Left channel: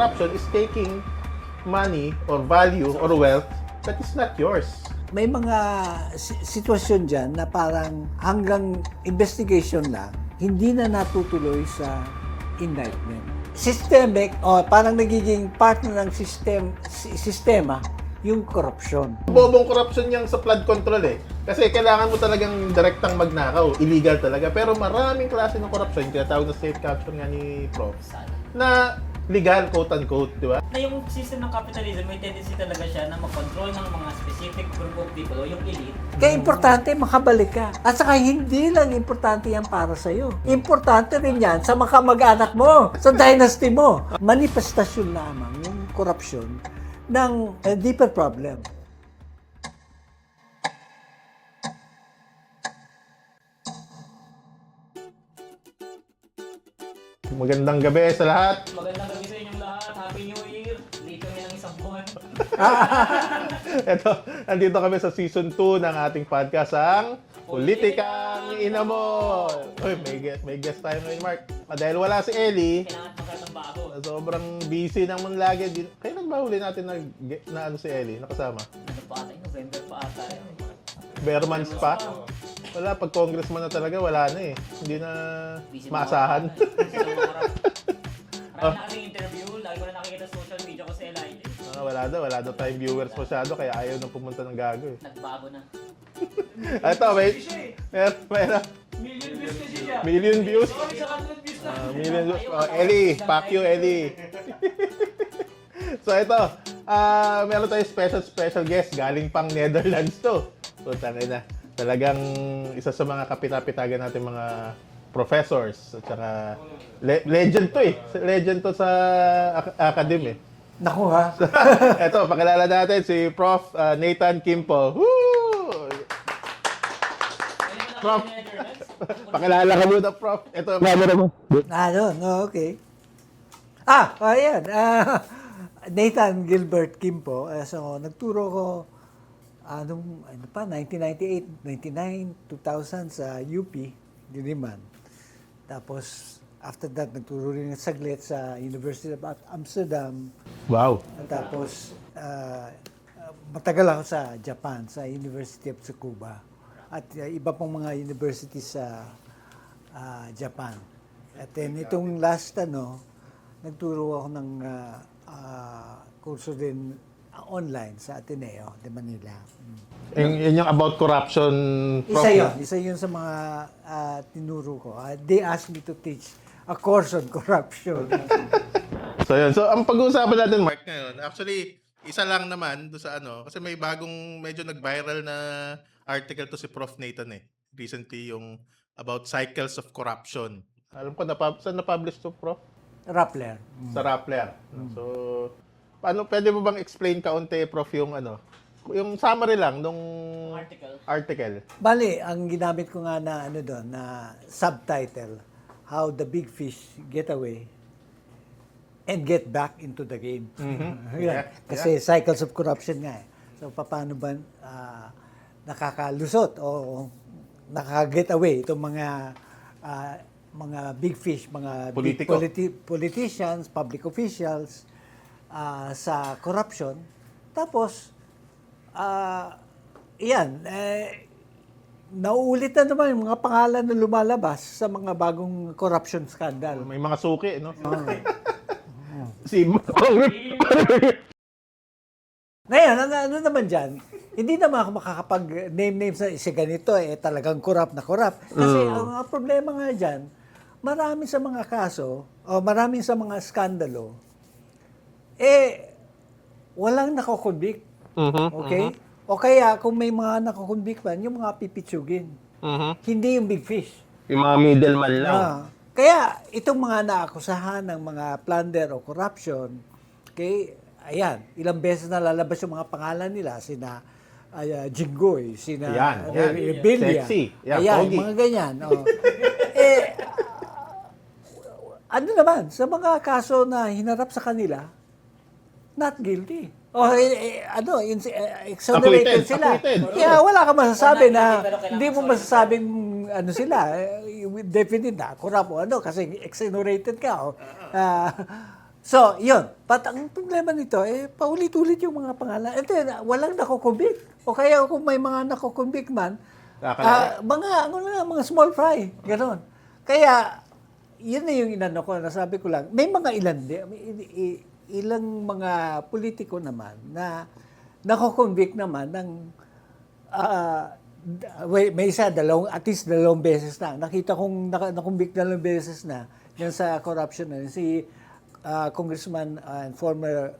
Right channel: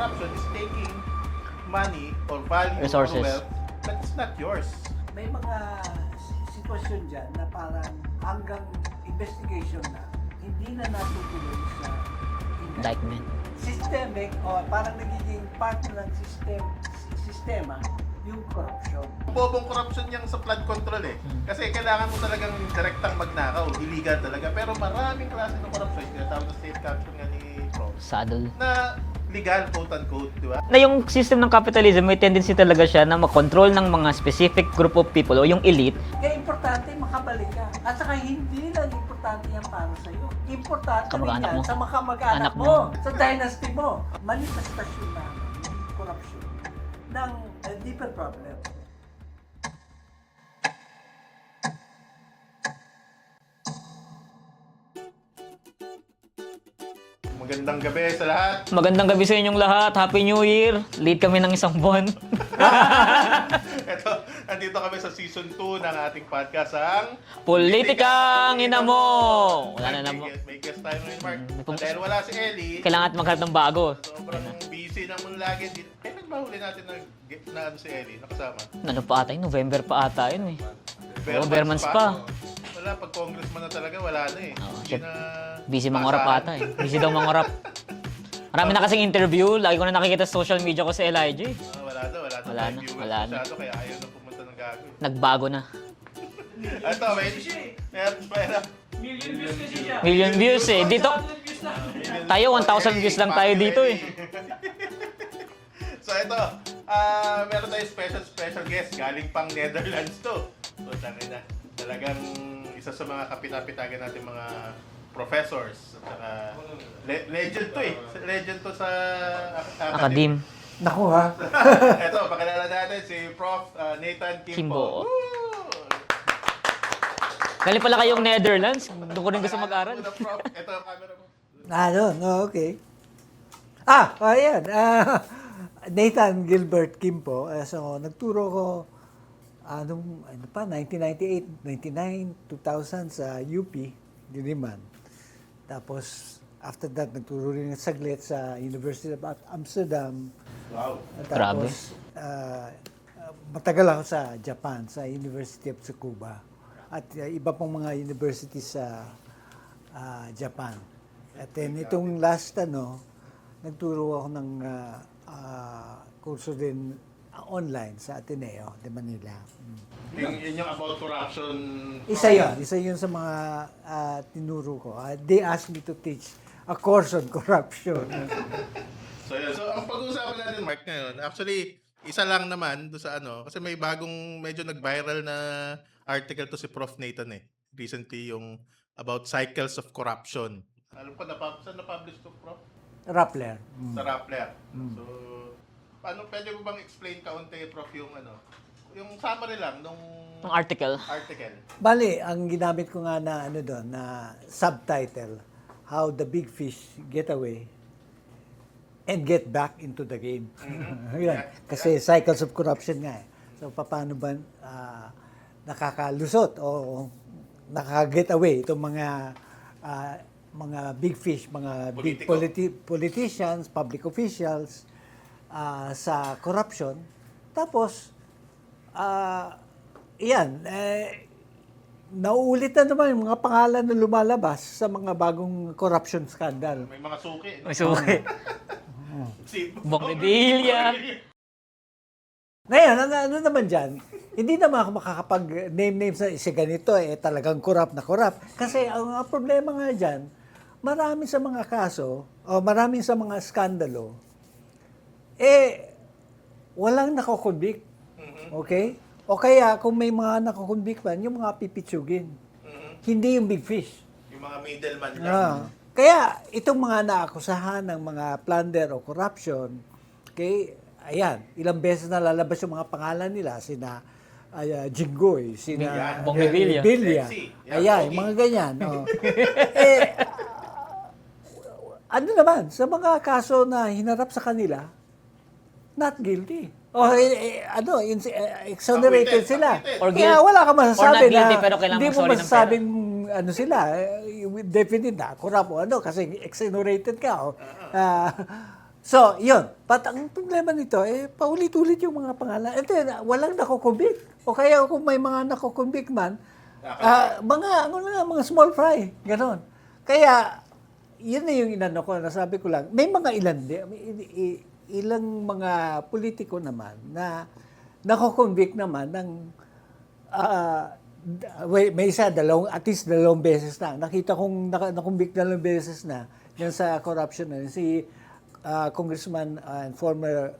corruption is taking money or value Resources. or wealth but it's not yours. May mga sitwasyon dyan na parang hanggang investigation lang, hindi na natutuloy sa indictment. Systemic, o parang nagiging part na ng sistema, yung corruption. Bobong corruption yang sa flood control eh. Kasi kailangan mo talagang direktang magnakaw. Illegal talaga. Pero maraming klase ng corruption, kaya tawag na state capture nga ni Prof. Saddle. Na legal, quote-unquote, di ba? Na yung system ng capitalism, may tendency talaga siya na mag-control ng mga specific group of people o yung elite. Kaya importante makabalik ka. At saka hindi lang importante yan para sa'yo. Importante rin yan sa mga mag-anak mo, sa dynasty mo. Manifestasyon lamang yung corruption ng deeper problem. Magandang gabi sa lahat. Magandang gabi sa inyong lahat. Happy New Year. Late kami ng isang buwan. Ito, nandito kami sa season 2 ng ating podcast, ang Politikang Inamo. Wala na naman. May guest tayo ngayon, Mark. Dahil wala si Ellie, Kailangan at maghanap ng bago. sobrang busy naman lagi. Kailan ba huli natin na ano si Ellie, nakasama? Ano pa ata yun? November pa ata yun eh. Bermans Months pa. Wala, pag congressman na talaga, wala na eh. Hindi na Busy mangorap masahan. ata eh. Busy daw mangorap. Marami na kasing interview. Lagi ko na nakikita sa social media ko si Elijah eh. Wala daw Wala tayo na, viewers wala na. masyado, kaya ayaw na pumunta ng gago eh. Nagbago na. Ito, wait. Meron. Million views eh. Dito, Million Tayo, 1,000 Ellie, views lang fuck tayo you, dito Ellie. So ito, meron tayong special guest galing pang Netherlands to. So tangay na. Talagang isa sa mga kapitapitagan natin mga professors at saka legend to eh. Legend to sa academy. Akadim. Naku ha? Ito, pakilala natin si Prof. Nathan Kimpo. Kimpo. Woo! Galing pala kayong Netherlands. Doon ko rin kasi Pakilala ka muna, Prof. Ito, No, okay. Ayan. Nathan Gilbert Kimpo. So, nagturo ko ano pa, 1998, 99, 2000 sa UP, Diliman. Tapos, after that, nagturo rin saglit sa University of Amsterdam. wow. At tapos, matagal ako sa Japan, sa University of Tsukuba. At iba pang mga universities sa Japan. At then, itong last, nagturo ako ng kurso din online sa Ateneo de Manila. Yun yung about corruption. Prof. Isa yun sa mga tinuro ko. They asked me to teach a course on corruption. So yun. So ang pag-uusapan natin, Mark, ngayon, actually, isa lang naman do sa kasi may bagong medyo nag-viral na article to si Prof. Nathan eh. Recently yung about cycles of corruption. Alam ko, saan na-publish to, Prof? Rappler. Sa Rappler. So, pwede mo bang explain kaunti, Prof, yung yung summary lang nung Ang article. Bali, ang ginamit ko nga na doon, na subtitle, How the Big Fish Get Away and Get Back into the Game. Yan. Kasi cycles of corruption nga eh. So, paano ba nakakalusot o nakaka-get away itong mga big fish, mga big politicians, public officials sa corruption. Tapos, nauulit na naman yung mga pangalan na lumalabas sa mga bagong corruption scandal. May mga suki, no? May suki. Si Bokbilya. Ngayon, ano naman dyan, hindi naman ako makakapag-name sa isa ganito, talagang corrupt na corrupt. Kasi ang problema nga dyan, marami sa mga kaso, o maraming sa mga skandalo, walang nakokonvict. Okay? O kaya, kung may mga nakokonvict man, yung mga pipitsugin. Hindi yung big fish. Yung mga middleman lang. Kaya, itong mga naakusahan ng mga plunder o corruption, okay, ayan, ilang beses na lalabas yung mga pangalan nila, sina Jinggoy, sina Bokbilya. Sexy. Ayan, Pogi. mga ganyan. Ano naman, sa mga kaso na hinarap sa kanila, not guilty. Exonerated sila. Acquitted. Kaya wala ka masasabi Or not guilty, na, pero kailangan hindi mo sorry ng masasabing sila, definite na, corrupt o kasi exonerated ka. So, yun. But ang problema nito, paulit-ulit yung mga pangalan. Ito, walang nakukumbik. O kaya kung may mga nakukumbik man, mga small fry. Ganon. Kaya, yun na yung inano ko. Nasabi ko lang, may mga ilang mga politiko naman na nakukumbik naman ng may isa, at least 2 beses na. Nakita kong nakumbik 2 beses na yan sa corruption na si Congressman and former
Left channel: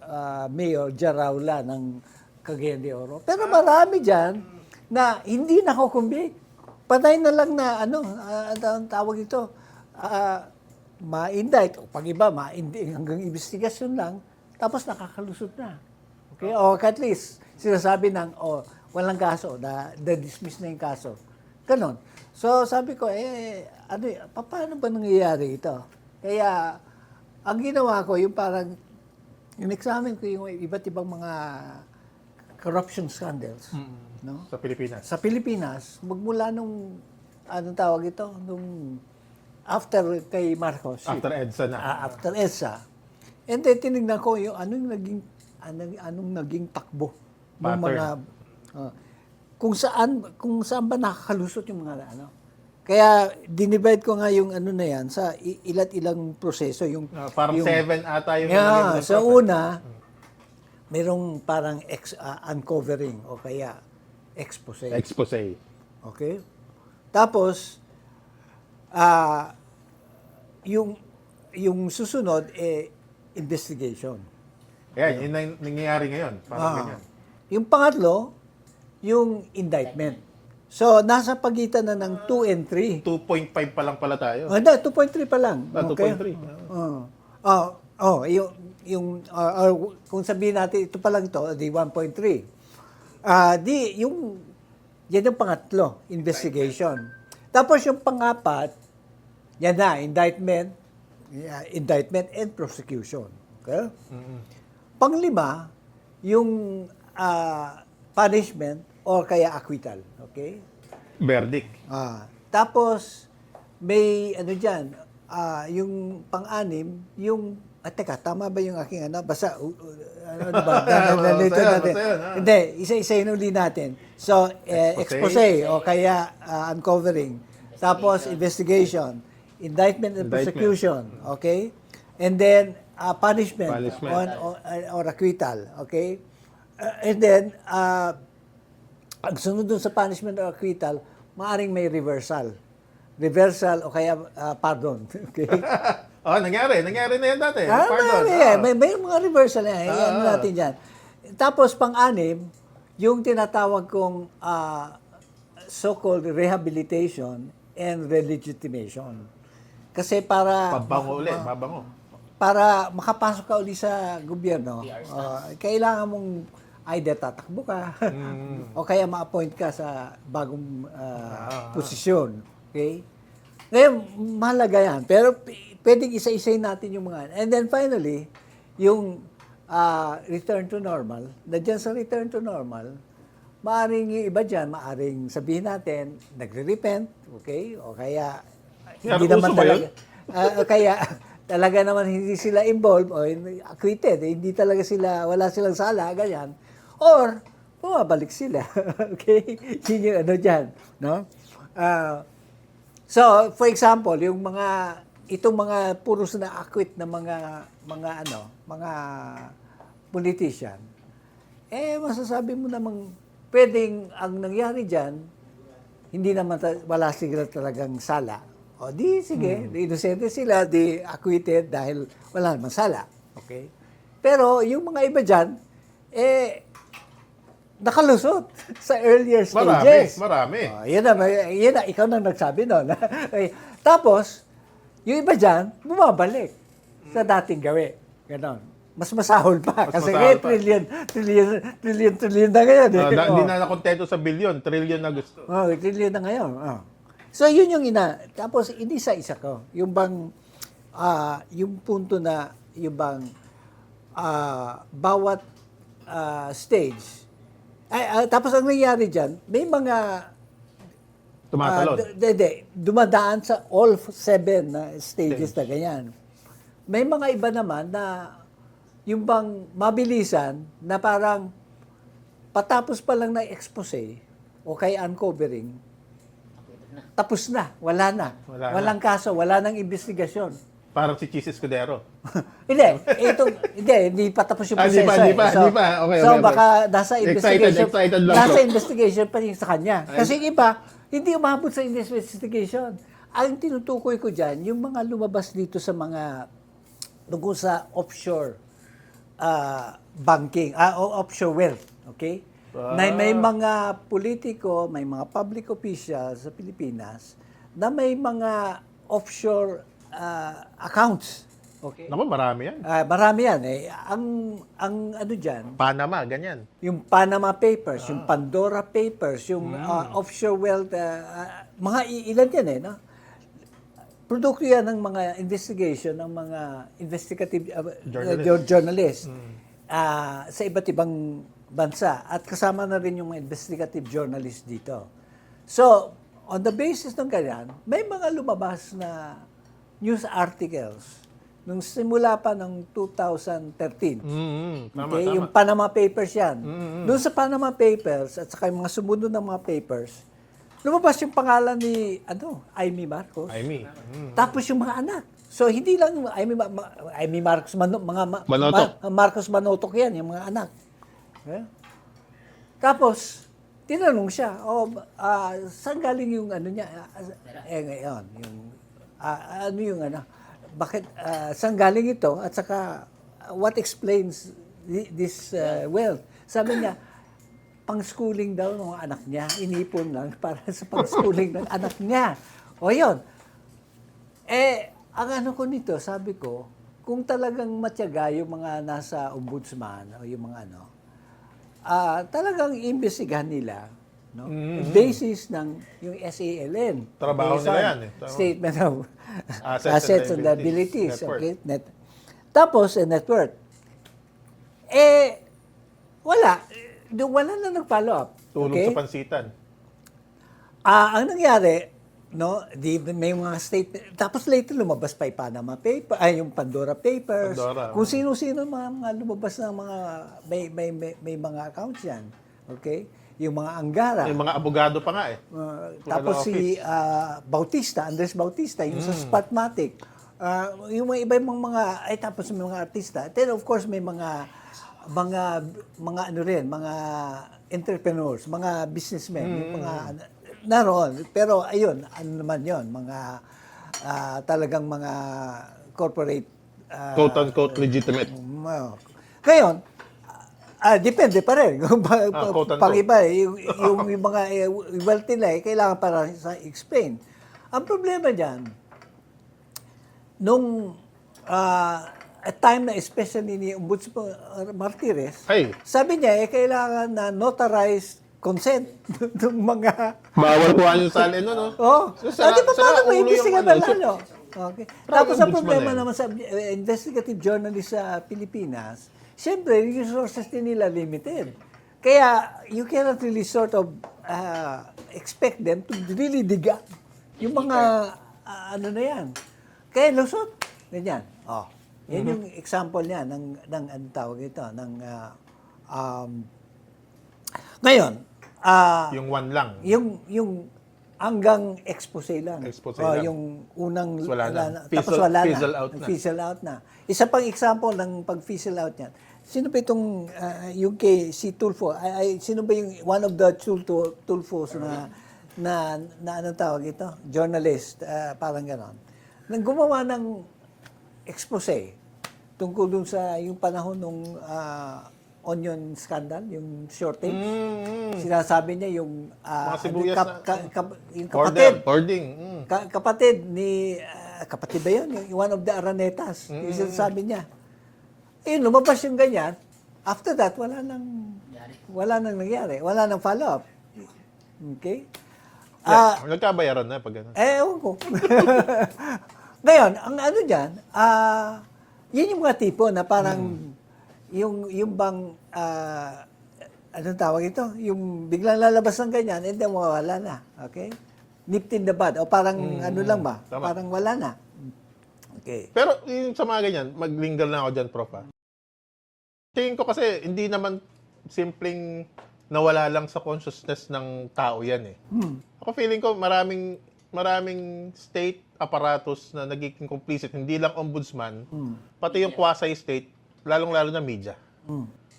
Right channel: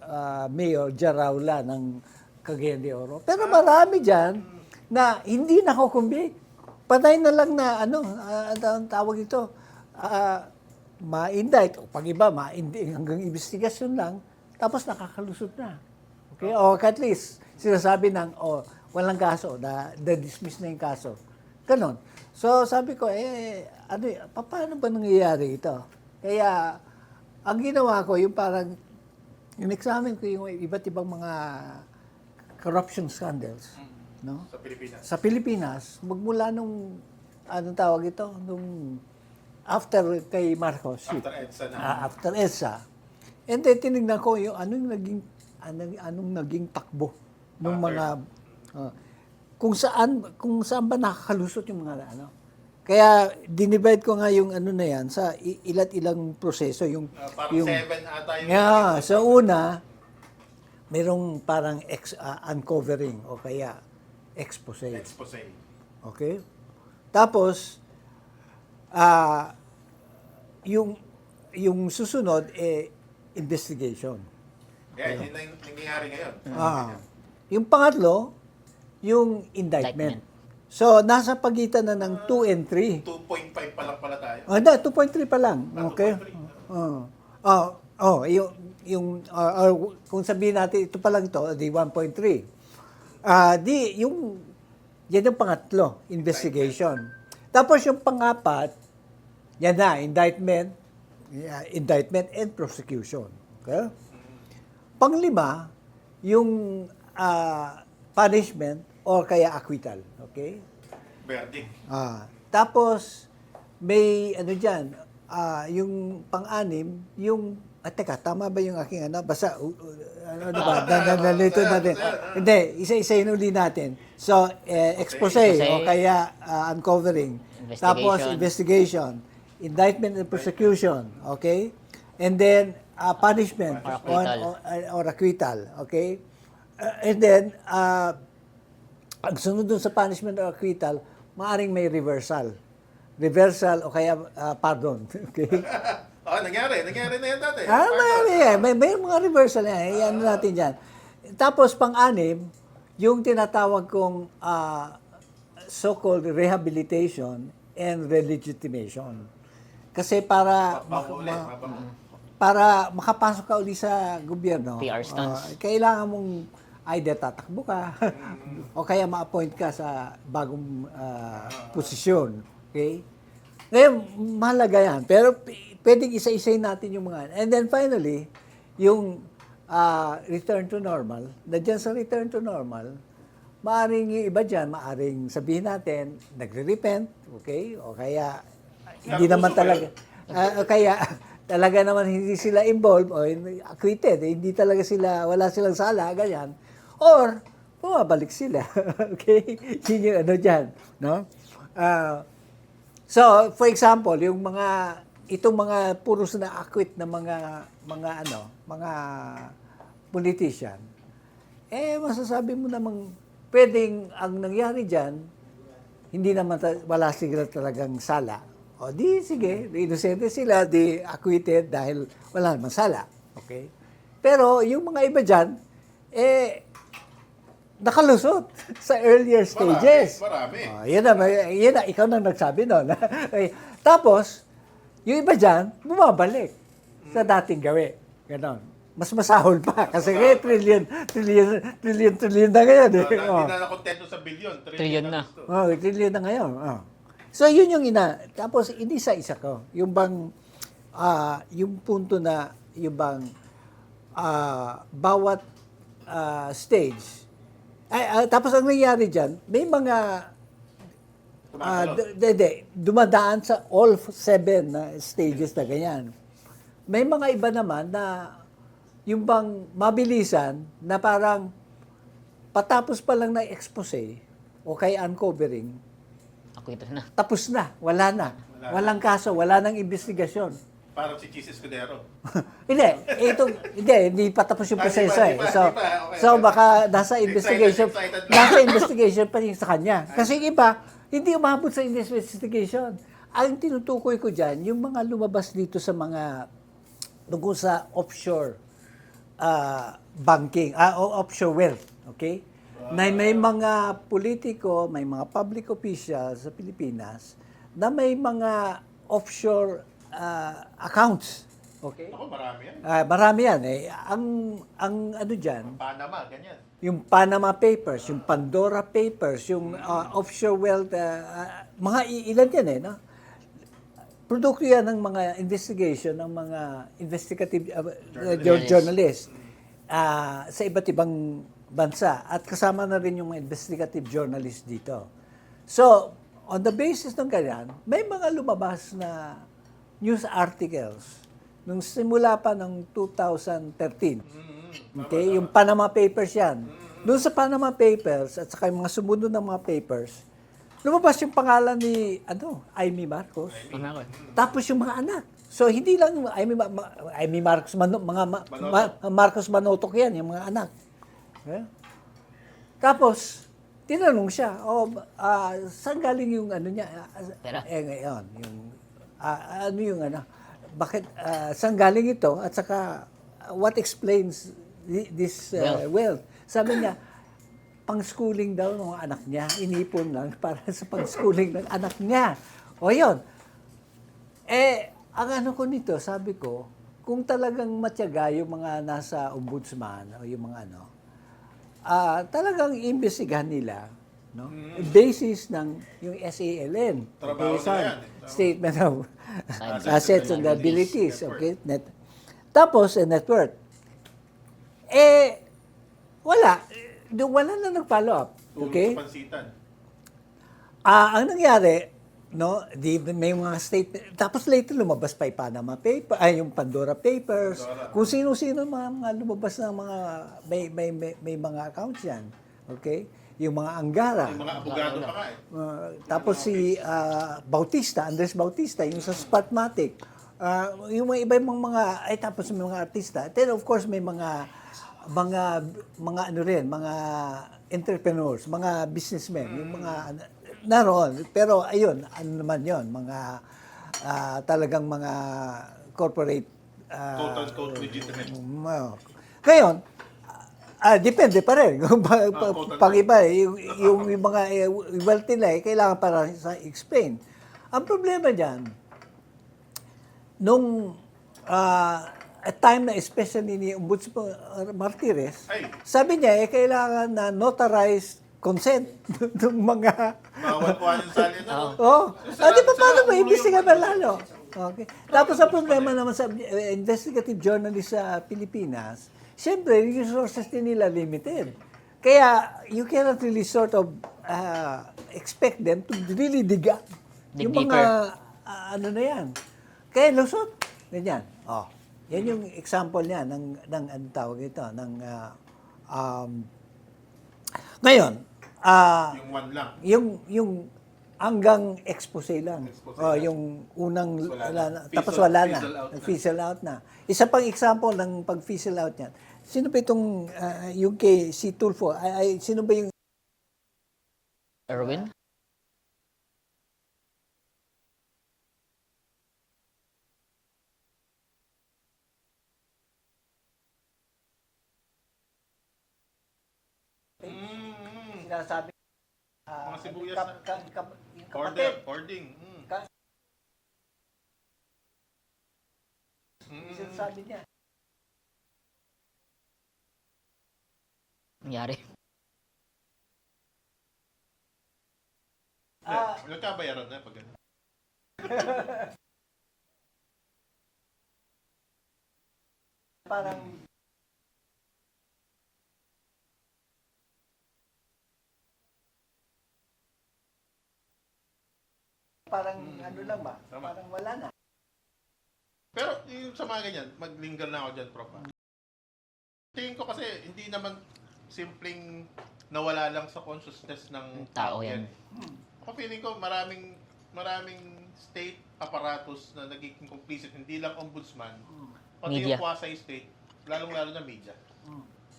Mayor Jaraula ng Cagayan de Oro. Pero marami dyan na hindi nakukumbik. Patay na lang na ang tawag ito, ma-indict. O pag iba, hanggang investigasyon lang, tapos nakakalusot na. Okay? O at least, sinasabi ng, walang kaso, na-dismiss na yung kaso. Ganon. So, sabi ko, paano ba nangyayari ito? Kaya, ang ginawa ko, yung parang, in-examine ko yung iba't ibang mga corruption scandals. No? Sa Pilipinas. Sa Pilipinas, magmula nung, anong tawag ito? Nung, after kay Marcos. After EDSA na. After EDSA. And then, tinignan ko yung anong naging takbo ng mga kung saan ba nakakalusot yung mga Kaya dinivide ko nga yung na yan sa ilat ilang proseso yung parang 7 ata yung sa una merong parang uncovering o kaya expose. Okay? Tapos yung susunod investigation. Yan, yun ang nangyayari ngayon. Yung pangatlo, yung indictment. So, nasa pagitan na ng 2 and 3. 2.5 pa lang pala tayo. 2.3 pa lang. Okay? 2.3. Kung sabihin natin, ito pa lang ito, di 1.3. Yan yung pangatlo, investigation. Tapos yung pangapat, yan na, indictment and prosecution. Okay? Panglima, yung punishment or kaya acquittal. Okay? Verdict. Tapos, may dyan, yung pang-anim, yung, teka, tama ba yung aking basta, diba? Nalito natin. Hindi, isa-isahin uli natin. So, expose o kaya uncovering. Tapos, investigation. Indictment and prosecution. Okay? And then, punishment. Or acquittal. Okay? And then, ang sunod dun sa punishment or acquittal, maaring may reversal. Reversal o kaya pardon. Okay? Nangyari na yan dati. May mga reversal na yan. Natin dyan. Tapos, pang-anim, yung tinatawag kong so-called rehabilitation and relegitimation. Kasi para para makapasok ka uli sa gobyerno, kailangan mong either tatakbo ka o kaya ma-appoint ka sa bagong posisyon. Okay? Ngayon, mahalaga yan. Pero pwedeng isa-isayin natin yung mga. And then finally, yung return to normal. Nandiyan sa return to normal, maaring yung iba dyan, maaring sabihin natin, nagre-repent, okay? O kaya, hindi naman talaga. Kaya, talaga naman hindi sila involved o acquitted. Hindi talaga sila, wala silang sala, ganyan. Or, bumabalik sila. Okay? Yun yung dyan. No? So, for example, yung itong mga puros na acquit na mga politician, masasabi mo namang pwedeng ang nangyari dyan, hindi naman wala sila talagang sala. O di, sige, inosente sila, di acquitted dahil wala naman sala. Okay? Pero yung mga iba dyan, nakalusot sa earlier stages. Marami. Yan na, ikaw na nagsabi noon. Okay. Tapos, yung iba dyan, bumabalik sa dating gawi. Ganon. Mas masahol pa. Kasi trillion na ngayon. Hindi na nakontento sa billion, trillion na gusto. Trillion na ngayon. So, yun yung Tapos, isa-isa ko. Yung bang, yung punto na, yung bang, bawat stage, tapos ang nangyayari dyan, may mga dumadaan sa all 7 stages na ganyan. May mga iba naman na yung bang mabilisan na parang patapos pa lang na expose o kay uncovering, Ako ito na. tapos na, wala na. Wala na. Walang kaso, wala nang investigasyon. Parang si Chis Escudero. hindi pa tapos yung Ah, di proseso pa, di eh. pa, So, di pa. Okay, so okay. baka nasa investigation, excited lang. nasa investigation pa rin sa kanya. Kasi iba, hindi umabot sa investigation. Ang tinutukoy ko dyan, yung mga lumabas dito sa mga tungkol sa offshore banking, o offshore wealth, okay? Na may mga politiko, may mga public officials sa Pilipinas na may mga offshore accounts. Okay? Naku, marami yan. Marami yan eh. Ang ano dyan, Panama, ganyan. yung Panama Papers, yung Pandora Papers, yung offshore wealth, mga ilan yan eh, no? Produkto yan ng mga investigation ng mga investigative journalists sa iba't ibang bansa at kasama na rin yung mga investigative journalists dito. So, on the basis ng ganyan, may mga lumabas na news articles nung simula pa ng 2013. Tama, Okay, tama. yung Panama Papers yan. Doon sa Panama Papers at saka yung mga sumunod ng mga papers, lumabas yung pangalan ni Amy Marcos. I mean, Tapos yung mga anak. So hindi lang Amy Marcos Manotok. Marcos Manotok yan, yung mga anak. Okay? Tapos tinanong siya, saan galing yung ano niya? Ngayon, yung ano yung ano? Bakit saan galing ito? At saka what explains this wealth? Sabi niya, pang-schooling daw ng mga anak niya. Inipon lang para sa pang-schooling ng anak niya. O yun. Ang ano ko nito, sabi ko, kung talagang matyaga yung mga nasa ombudsman o yung mga ano, talagang imbestigahan nila, no? Basis ng yung SALN. Trabaho Based on nila yan, eh. Statement of Assets Assets and and Liabilities. Net worth. Okay? Tapos, net worth. Wala. Wala na nag-follow up. tulong Okay? sa pansitan. Ang nangyari, no, may mga statement. Tapos later lumabas pa yung Panama Paper, yung Pandora Papers. Pandora. Kung sino-sino mga lumabas na mga may mga accounts yan. Okay? Yung mga Anggara. Yung mga abogado pa nga eh. Tapos si Bautista, Andres Bautista, yung sa Spotmatic. Yung mga iba-ibang mga, tapos may mga artista. Then of course may mga ano rin, mga entrepreneurs, mga businessmen, yung mga naroon. Pero ayun, ano naman yon, mga talagang mga corporate Quote-unquote legitimate. Ngayon, depende pa rin. quote-unquote. Pang iba, yung mga wealth nila, kailangan para sa explain. Ang problema dyan, nung at time na especially ni Ombudsman Martires, Ay. sabi niya, kailangan na notarized consent ng mga... Bawal kuha yung salin, no? Di ba paano mo ulo yung imbestiga ano, ba lalo? Okay. Tapos ang ombudsman problema eh. naman sa investigative journalist sa Pilipinas, siyempre, yung resources din nila limited. Kaya, you cannot really sort of expect them to really dig up yung mga, ano na yan. Kaya lusot. Ganyan. Yan yung example niya ng anong tawag ito, ng, ngayon, Yung one lang. yung hanggang expose lang. Expose lang. Yung unang Wala na. tapos Fizzle- wala fizzle na. out na. Fizzle out na. Isa pang example ng pag-fizzle out niyan. Sino ba itong yung kay si Tulfo? Sino ba yung one of the Tulfo na anong tawag ito? Journalist, parang ganon. Nang gumawa ng expose tungkol dun sa yung panahon nung onion scandal, yung shortage. Sinasabi niya yung Mga sibuyas yung kapatid. Hoarding. Kapatid ni kapatid ba yun? Yung one of the Aranetas. Yung sinasabi niya. Lumabas yung ganyan. After that, wala nang nangyari. Wala nang follow-up. Okay? Nagkabayaran na pag gano'n. Ewan ko. Ngayon, ang ano dyan, yun yung mga tipo na parang yung bang, anong tawag ito? Yung biglang lalabas ng ganyan, and then mawawala na. Okay? Nipped in the bud. O parang ano lang ba? Tama. Parang wala na. Okay? Okay. Pero yung sa mga ganyan, maglinger na ako dyan, Prof. Tingin ko kasi hindi naman simpleng nawala lang sa consciousness ng tao yan eh. Ako feeling ko maraming state apparatus na nagiging complicit, hindi lang ombudsman, pati yung Media. quasi-state, lalong-lalo na media.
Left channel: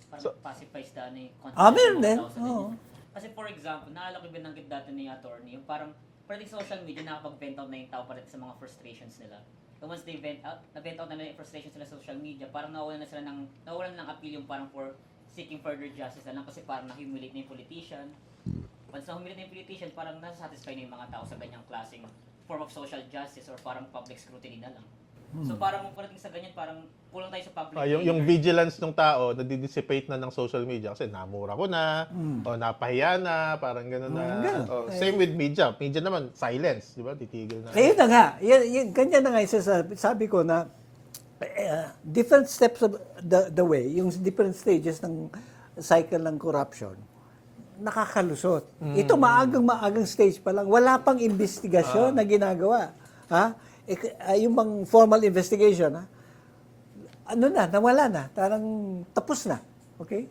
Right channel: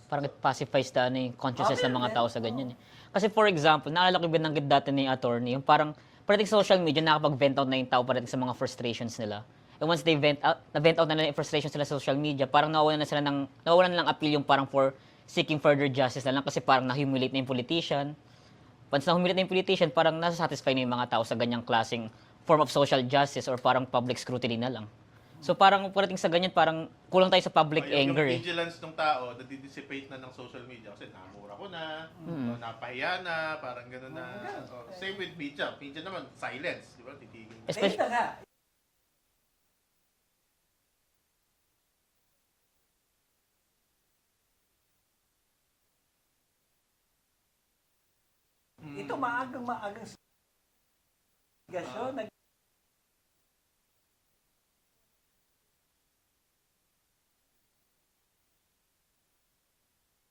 Parang pacifies yung consciousness ng meron mga din. tao sa ganyan. Kasi for example, naalala ko binanggit dati ni attorney, yung parang parating sa social media, nakapag-vent out na yung tao parating sa mga frustrations nila. And once they na-vent out na nila yung frustrations nila sa social media, parang nawawalan na lang appeal yung parang for seeking further justice na lang kasi parang na-humiliate na yung politician. Once na-humiliate na yung politician, parang nasa-satisfy na yung mga tao sa ganyang klaseng form of social justice or parang public scrutiny na lang. So parang parating sa ganyan, parang kulang tayo sa public Yung anger. vigilance ng tao, nadidissipate na ng social media kasi namura ko na, o napahiya na, parang gano'n na. ganun. Same with media. Media naman, silence, di ba? Titigil na. Ayun na nga. Ganyan na nga yung sabi ko na different steps of the way, yung different stages ng cycle ng corruption, nakakalusot. Ito maagang stage pa lang. Wala pang investigasyon na ginagawa. Ha? Yung bang formal investigation, ha? Nawala na. Parang tapos na. Okay?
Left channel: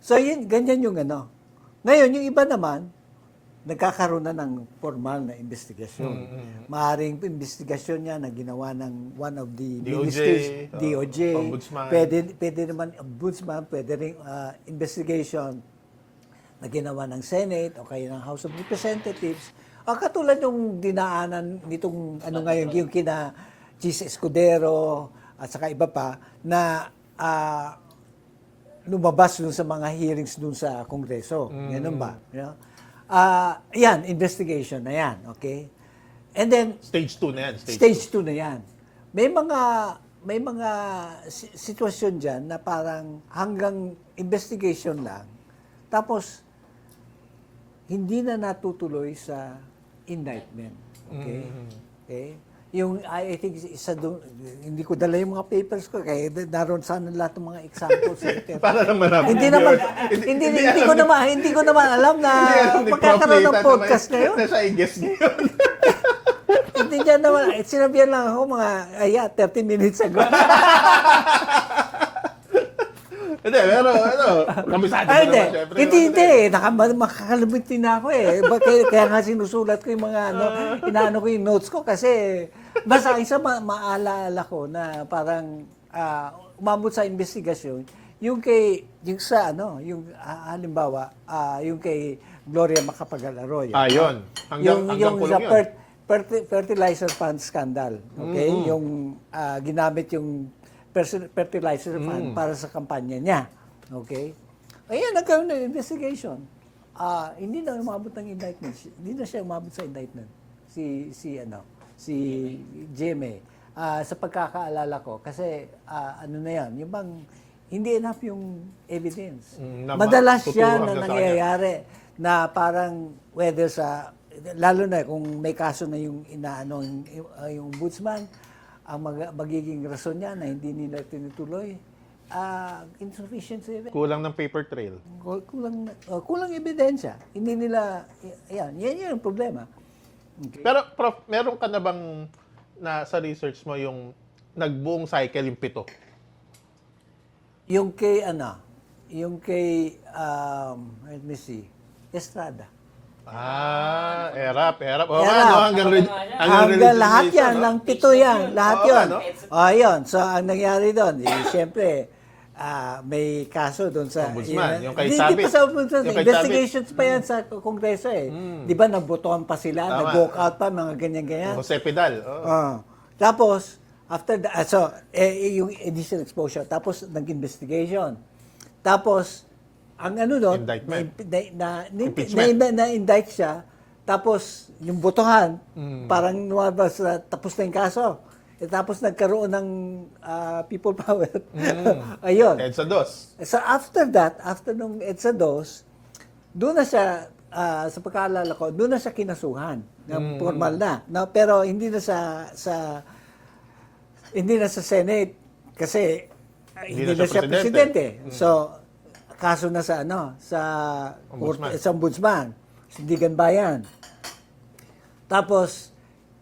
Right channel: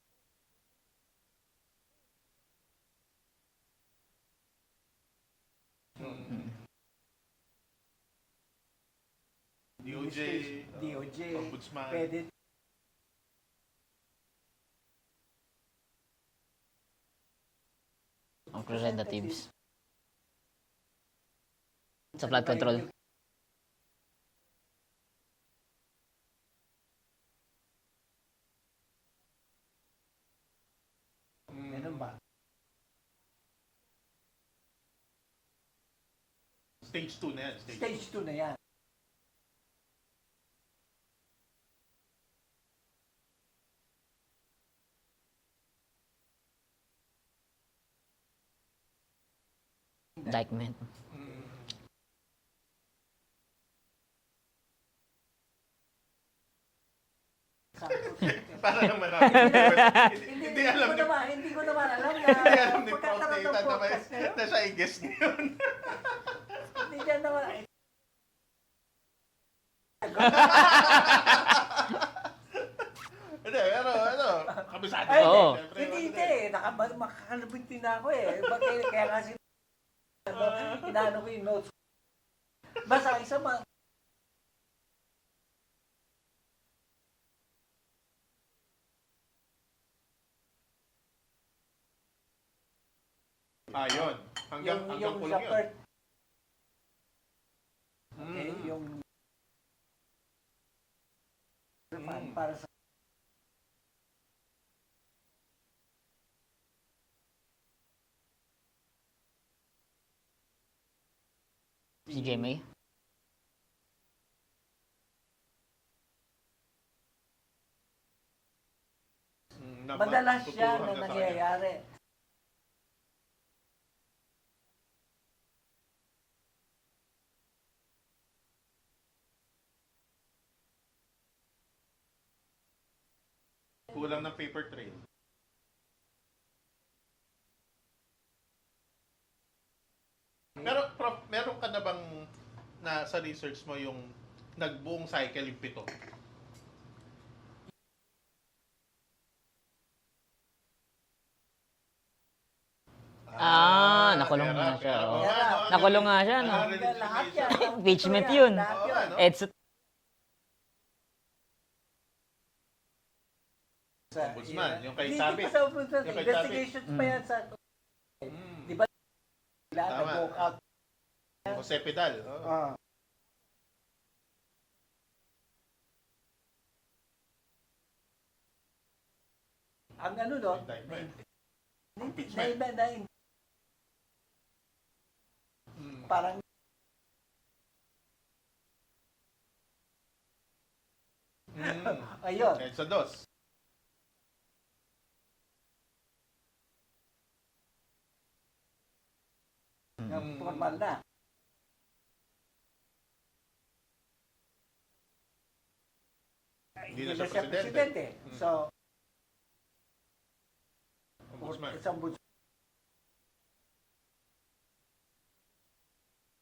So, ganyan yung ano. Ngayon, yung iba naman, nagkakaroon na ng formal na investigasyon. Maaring investigasyon niya na ginawa ng one of the DOJ, ministers, DOJ, Ombudsman. pwede naman ombudsman, pwede rin investigation na ginawa ng Senate o kaya ng House of Representatives. Katulad yung dinaanan nitong Sa ano flood ngayon, control. yung kina Chis Escudero at saka iba pa na lumabas dun sa mga hearings dun sa Kongreso. Ganun ba? You know? Yan, investigation na yan. Okay? And then, Stage 2 na yan. Stage 2 na yan. May mga sitwasyon dyan na parang hanggang investigation lang. Tapos, hindi na natutuloy sa indictment. Okay? Okay? Yung, I think, isa doon, hindi ko dala yung mga papers ko, kaya naroon sana lahat ng mga examples. Para naman namin. Hindi ko naman alam na Ni Prof. magkakaroon ng Nathan podcast na ngayon. na siya i-guess ngayon. Hindi niya naman, sinabihan lang ako mga, 30 minutes ago. Hindi, pero kamisado Ay, na hindi. ako, syempre. Hindi. Makakalimutin na ako eh. Kaya nga sinusulat ko yung mga inaano ko yung notes ko kasi basta isa maalala ko na parang umabot sa investigasyon yung halimbawa yung kay Gloria Macapagal-Arroyo. Yun. Hanggang yung kulong sa yun. fertilizer fund scandal. Okay? Yung ginamit yung fertilizer fund para sa kampanya niya. Okay? Ayan, nagkaroon ng investigation. Hindi na umabot ng indictment. Hindi na siya umabot sa indictment. Si GMA? GMA. Sa pagkakaalala ko. Kasi ano na yan, yung bang hindi enough yung evidence. Madalas yan tuturuan na na sa nangyayari na parang whether sa lalo na kung may kaso na yung inaano yung ombudsman, ang magiging rason niya na hindi nila tinutuloy, insufficient evidence. Kulang ng paper trail. Kulang ebidensya. Hindi nila, yan ang problema. Okay. Pero, Prof, meron ka na bang sa research mo yung nagbuong cycle yung 7? Yung kay, let me see, Estrada. Nakulong na Erap. siya. Oo, Erap. ano, hanggang Nakulong nga siya. Hanggang lahat yan, resignation, ng Impeachment 7 yan, yun. lahat Oo, yun. ano? Ayun, so ang nangyari doon, siyempre, may kaso doon sa... Ombudsman, yung kay Hindi Chavez. pa sa ombudsman, Yung kay investigations pa yan sa Kongreso eh. Di ba, nagbotohan pa sila, Tama. nag-walk out pa, mga ganyan-ganyan. Jose Pidal. Oo. Tapos, after that, yung initial exposure, tapos nag-investigation. Tapos, ang ano doon, Indictment. na-indict siya, tapos yung botohan, parang lumabas na tapos na yung kaso. Tapos nagkaroon ng people power. Ayun. EDSA 2. So after that, after nung EDSA 2, doon na siya, sa pagkaalala ko, doon na siya kinasuhan. Na formal na. Pero hindi na sa Senate kasi hindi na siya presidente. So kaso na sa Ombudsman. sa ombudsman, Sindigan Bayan. Tapos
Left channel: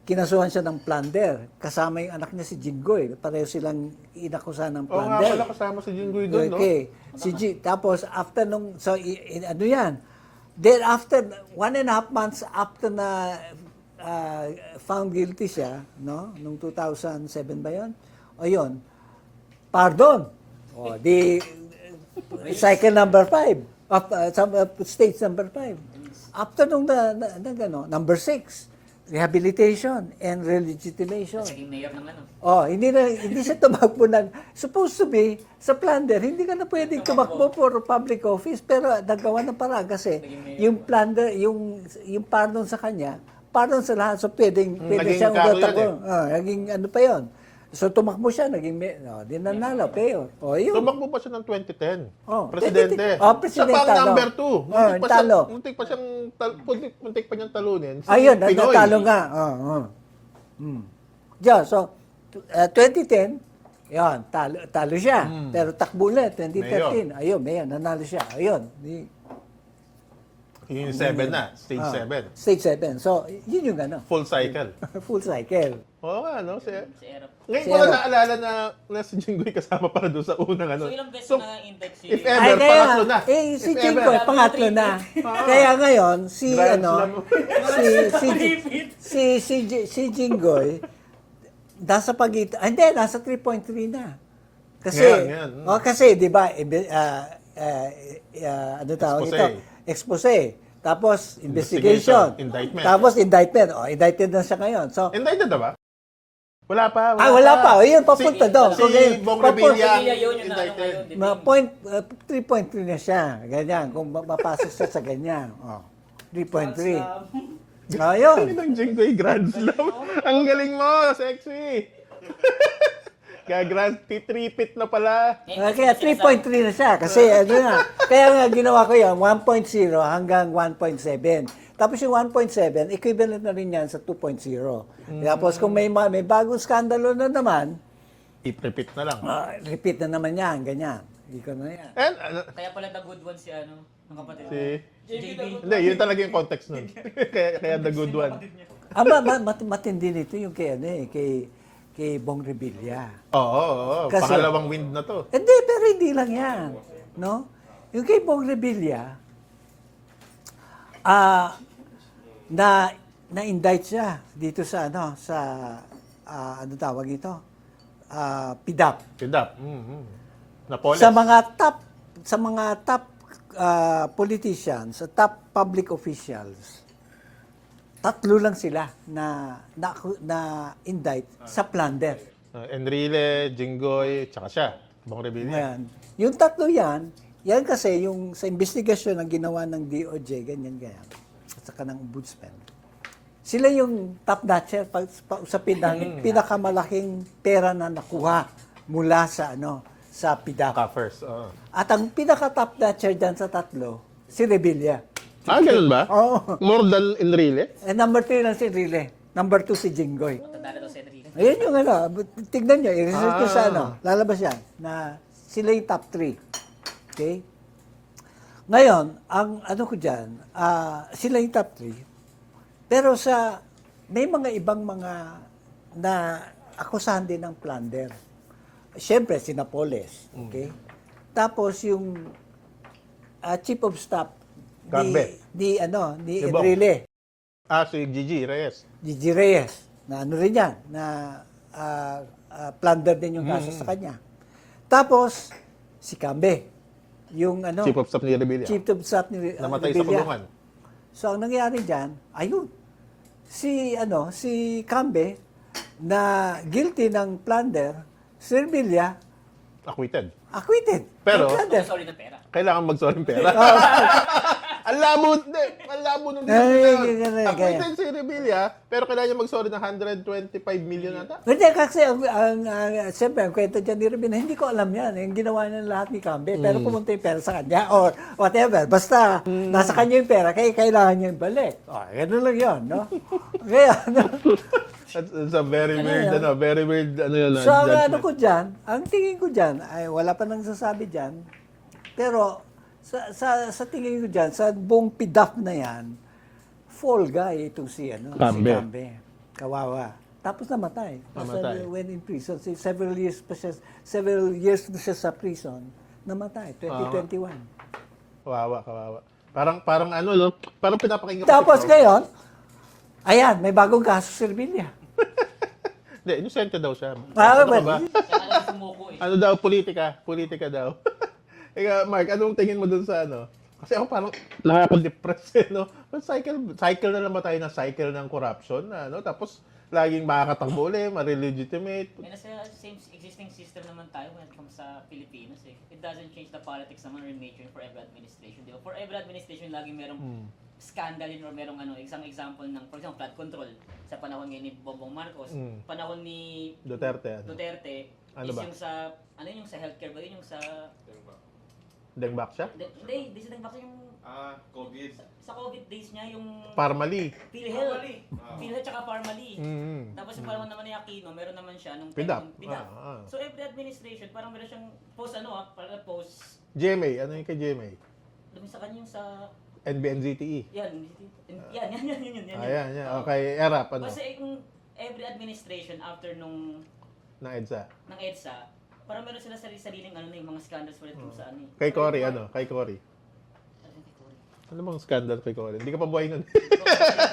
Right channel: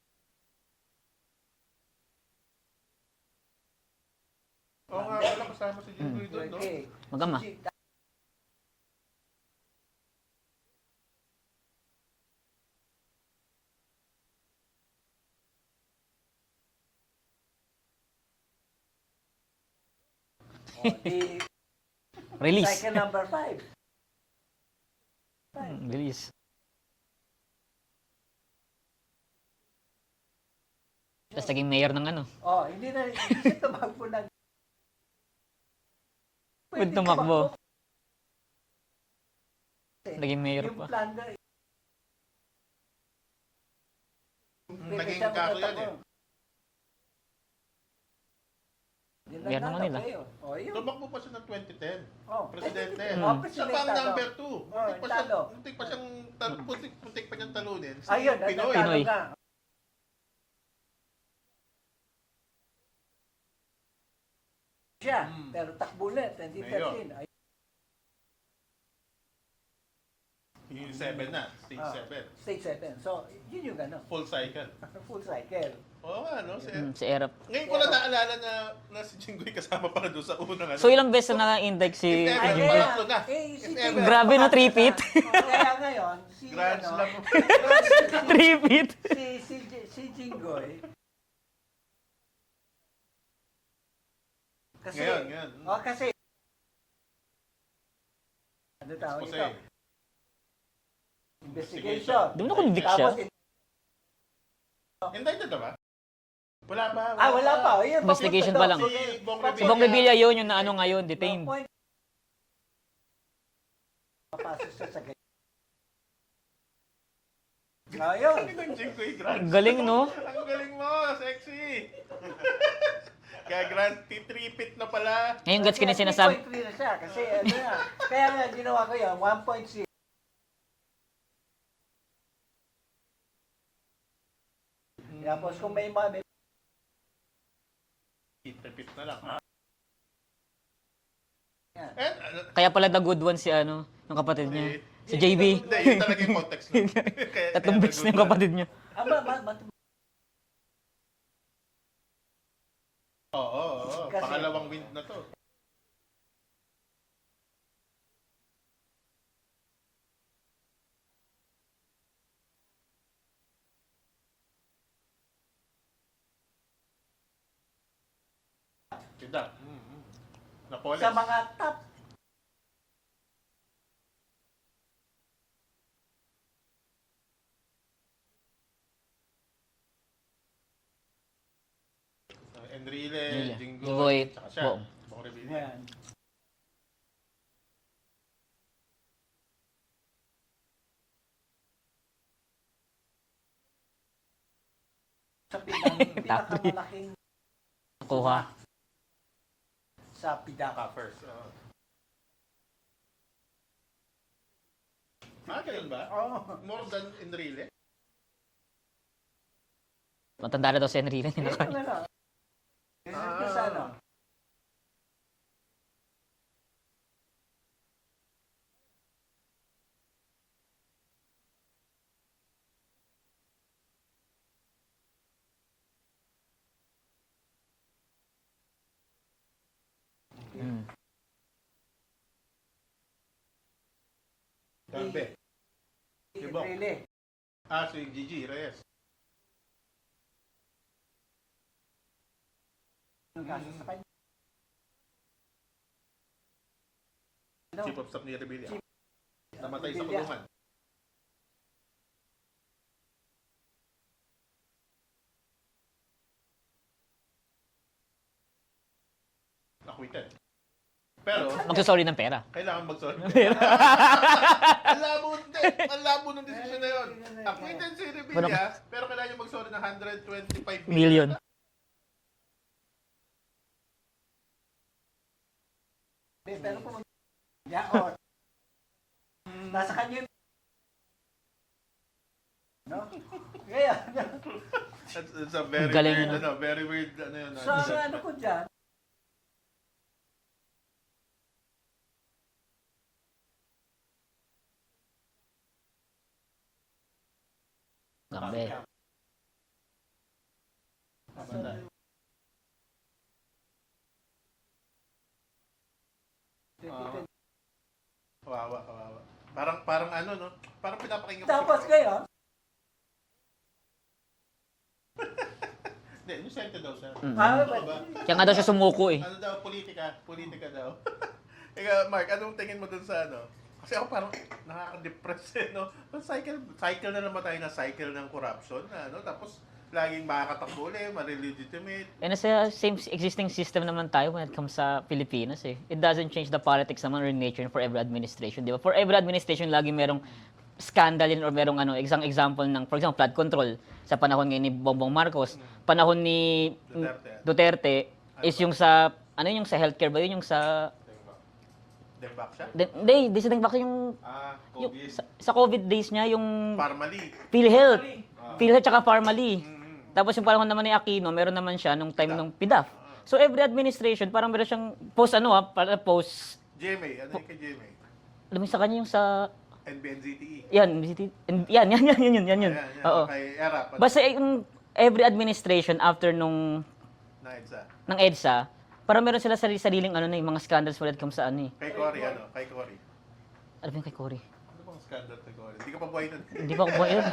kinasuhan siya ng plunder. Kasama yung anak niya si Jinggoy. Pareho silang inakusahan ng Oo nga plunder. pala, kasama si Jinggoy doon, no? Okay. Tapos after nung, so ano yan? Then after 1.5 months after na found guilty siya, no? Nung 2007 ba yun? O yun, pardon. O, di Release. cycle number 5. Stage number 5. Release. After nung number 6, rehabilitation and relegitimation. Tapos naging mayor ng ano. Oh, hindi siya tumakbo ng supposed to be sa plunder. Hindi ka na pwedeng tumakbo. tumakbo for public office, pero nagawa ng paraan kasi Naging mayor yung pa. plunder, yung pardon sa kanya, pardon sa lahat. So pwede naging siyang karo yan umatakbo. Naging ano pa 'yon. So tumakbo siya, naging di nanalo kayo. Oh, yun. Tumakbo pa siya ng 2010. Oh, Presidente. presidente Siya pa ang talo. number 2. Talo. Muntik pa niyang talunin. Si Ayun, Pinoy. natalo nga. Yeah, so 2010, yan, talo siya. Pero takbo ulit, 2013. Ayun, mayor, nanalo siya. Ayun. Yung 7 na, stage 7. Stage 7. So, yun yung ano, Full cycle. full cycle. Oo nga, no? Si Erap. Ngayon ko lang naalala na si Jinggoy kasama para doon sa unang ano. So ilang beses na na-index si... if ever, pangatlo na. Si If Jingo, ever. Grabe na pangatlo na. tripit. Kaya ngayon, si Grand ano, slam. si Jingoy, nasa pagitan, hindi, nasa 3.3 na. Kasi, Yan. kasi, di ba, ano tawag Expose. ito? Expose. Tapos, investigation. Indictment. Tapos, indictment. Indicted na siya ngayon. So, Indicted na ba? Wala pa. wala pa. O, yun, papunta to. Investigation pa lang. Si Bong Kung Revilla. Revilla yun, yung na ano Indicted. ngayon, detained. 3.3 na siya. Ganyan. Kung mapasok siya sa ganyan. 3.3. Ayun. Ang Jinggoy Grand Galing, Slam. no? Ang galing mo, sexy. Kaya Grand T-3-pit na pala. Ngayon, gets Kaya kita sinasabi. 3.3 na siya. Kasi ano na. Kaya nga ginawa ko yan, 1.0 hanggang 1.7. Tapos yung 1.7, equivalent na rin yan sa 2.0. Tapos kung may bagong skandalo na naman, T-3-pit na lang. repeat na naman yan, ganyan. Hindi ko na yan. And, Kaya pala the good one si ano, yung kapatid niya. Si JB. hindi, yun talaga yung context nun. Kaya Tatlong beses na the good yung one. kapatid niya. Matindi nito yung kay, ano, kay Bong Revilla. Oo. Kasi- Pangalawang wind na to. Hindi, pero hindi lang yan. No? Yung kay Bong Revilla, na-indict siya dito sa ano tawag ito? PDAP. Kidap. Napoles. Sa mga top politicians, sa top public officials, 3 lang sila na indict sa plunder. Enrile, Jinggoy, Jinggoy. tsaka siya. Bong Revilla. Ayan. Yung 3 yan kasi yung sa investigasyon na ginawa ng DOJ, ganyan. At saka ng ombudsman. Sila yung top notcher sa pinakamalaking pera na nakuha mula sa PDAP. First. At ang pinaka-top notcher dyan sa 3, si Revilla. Ganun ba? Oo. More than Enrile? Number 3 lang si Enrile. Number 2 si Jinggoy. Matanda na daw si Enrile. Ayun yung tignan nyo, i-research ko sa lalabas yan, na sila yung top 3. Okay? Ngayon, ang ano ko dyan, sila yung top 3. Pero may mga ibang mga na akusahan din ng plunder. Siyempre, si Napoles. Okay? Tapos yung chief of staff Gambe. ni Bong. Enrile. Si Gigi Reyes. Gigi Reyes, na ano rin yan, na plunder din yung kaso sa kanya. Tapos, si Cambe, yung Chief of Staff ni Revilla. chief of staff ni Namatay sa Revilla. kulungan. So, ang nangyari dyan, ayun, si Cambe, na guilty ng plunder, si Revilla, Acquitted. acquitted. Pero, Ng plunder. Magsasorry ng pera. kailangan mag-sorry pera. Ang labo nung Acquitted si Revilla, pero kailangan niya mag-sorry ng 125 million. Hindi, kasi siyempre, ang kwento dyan ni Revilla, hindi ko alam yan. Yung ginawa niya lahat ni Cambe. Pero pumunta yung pera sa kanya or whatever. Basta, nasa kanya yung pera, kaya kailangan niya yung balik. Ganun lang yun, no? Kaya, It's a very Galing. weird, very weird, yun. so, ang judgment. ano ko dyan, ang tingin ko dyan, ay wala pa nang sasabi dyan, pero sa tingin ko dyan, sa buong PDAP na yan, fall guy itong si Cambe. Cambe. kawawa. Tapos namatay. Namatay. When in prison, several years na siya sa prison, namatay, 2021. Kawawa. Parang ano, no? Parang pinapakinggan ko Tapos si Prof. ngayon, ayan, may bagong kaso si Revilla. Hindi, inosente daw siya. Ah, Ano ka ba? Kaya nga daw siya sumuko eh. Ano daw, politika daw. Ika, Mark, anong tingin mo dun sa ano? Kasi ako parang nakaka-depress eh, no? Cycle na naman tayo na cycle ng corruption, na, ano? Tapos, laging makakatakbo ulit, ma-legitimate. And nasa same existing system naman tayo when it comes sa Pilipinas eh. It doesn't change the politics naman or nature for every administration, di ba? For every administration, lagi merong scandal yun or merong ano, isang example ng, for example, flood control sa panahon ngayon ni Bongbong Marcos, panahon ni Duterte. Ano is ba? yung sa, ano yung sa healthcare ba yun? Yung sa, Dengbak siya? hindi sa Dengback yung, yung sa COVID days niya, yung Parmali. PhilHealth. PhilHealth tsaka Pharmaly. Mm. Tapos yung panahon naman ni Aquino, meron naman siya nung time PDAF. ng PDAF. So every administration, parang meron siyang post, GMA, ano yung kay GMA? alam mo sa kanya yung sa, NBNZTE. yan. Ayan. Oo. Okay, ERAP. Ano? Basta yung every administration after nung, Na EDSA. ng EDSA, parang meron sila sariling ano na yung mga scandals when it comes sa ano eh. Kay Cory, ano? Kay Cory. Ano ba yung kay Cory? Ano bang scandal kay Cory? Hindi ka pa buhay nun. Hindi pa ako ba yun?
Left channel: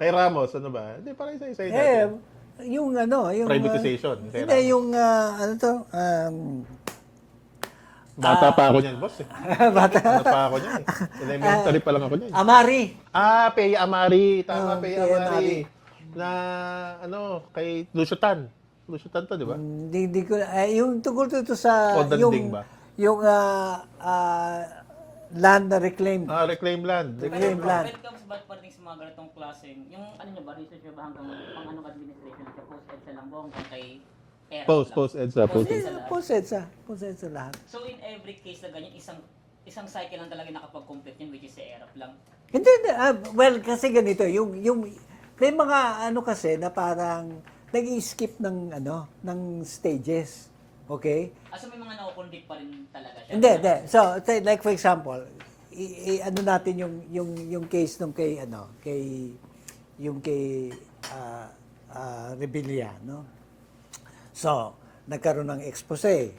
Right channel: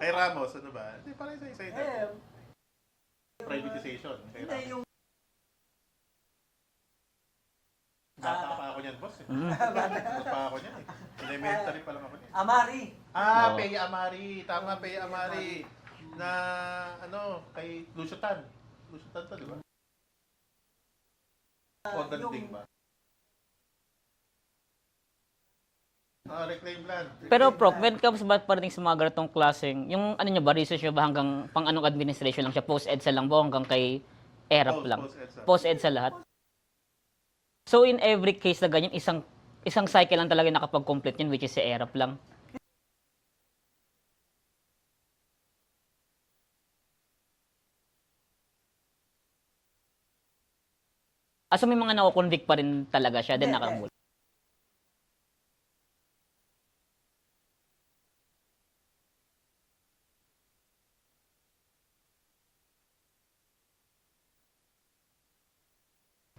Kay Ramos, ano ba? Hindi, parang isa-isa yun. Yung ano, yung... Privatization. Kay Hindi, Ramos. yung ano to, Bata pa ako niyan, boss. Eh. bata. Bata pa ako niyan. Elementary pa lang ako niyan. Amari. Pei Amari. Tama, Pei Pei Amari. Amari. Na, ano, kay Lusutan. Lusutan to, di ba? Hindi ko, yung tungkol dito sa... O danding ba? Yung land na reclaimed. Reclaim land. Pero Reclaim Prof, land. when it comes ba parating sa mga ganitong klaseng, yung ano nyo ba, research nyo ba hanggang pang anong administration lang siya, post-EDSA lang ba, hanggang kay ERAP lang? Post-EDSA. Post-EDSA lahat. Post-EDSA lahat. So in every case na ganyan, isang cycle lang talaga nakapag-complete yun, which is si ERAP lang. Hindi, well, kasi ganito, may mga ano kasi na parang nag-skip ng stages. Okay? So may mga nako-convict pa rin talaga siya. Hindi, din hindi. naka- So, like for example, ano natin yung case nung kay Revilla, no? So, nagkaroon ng expose.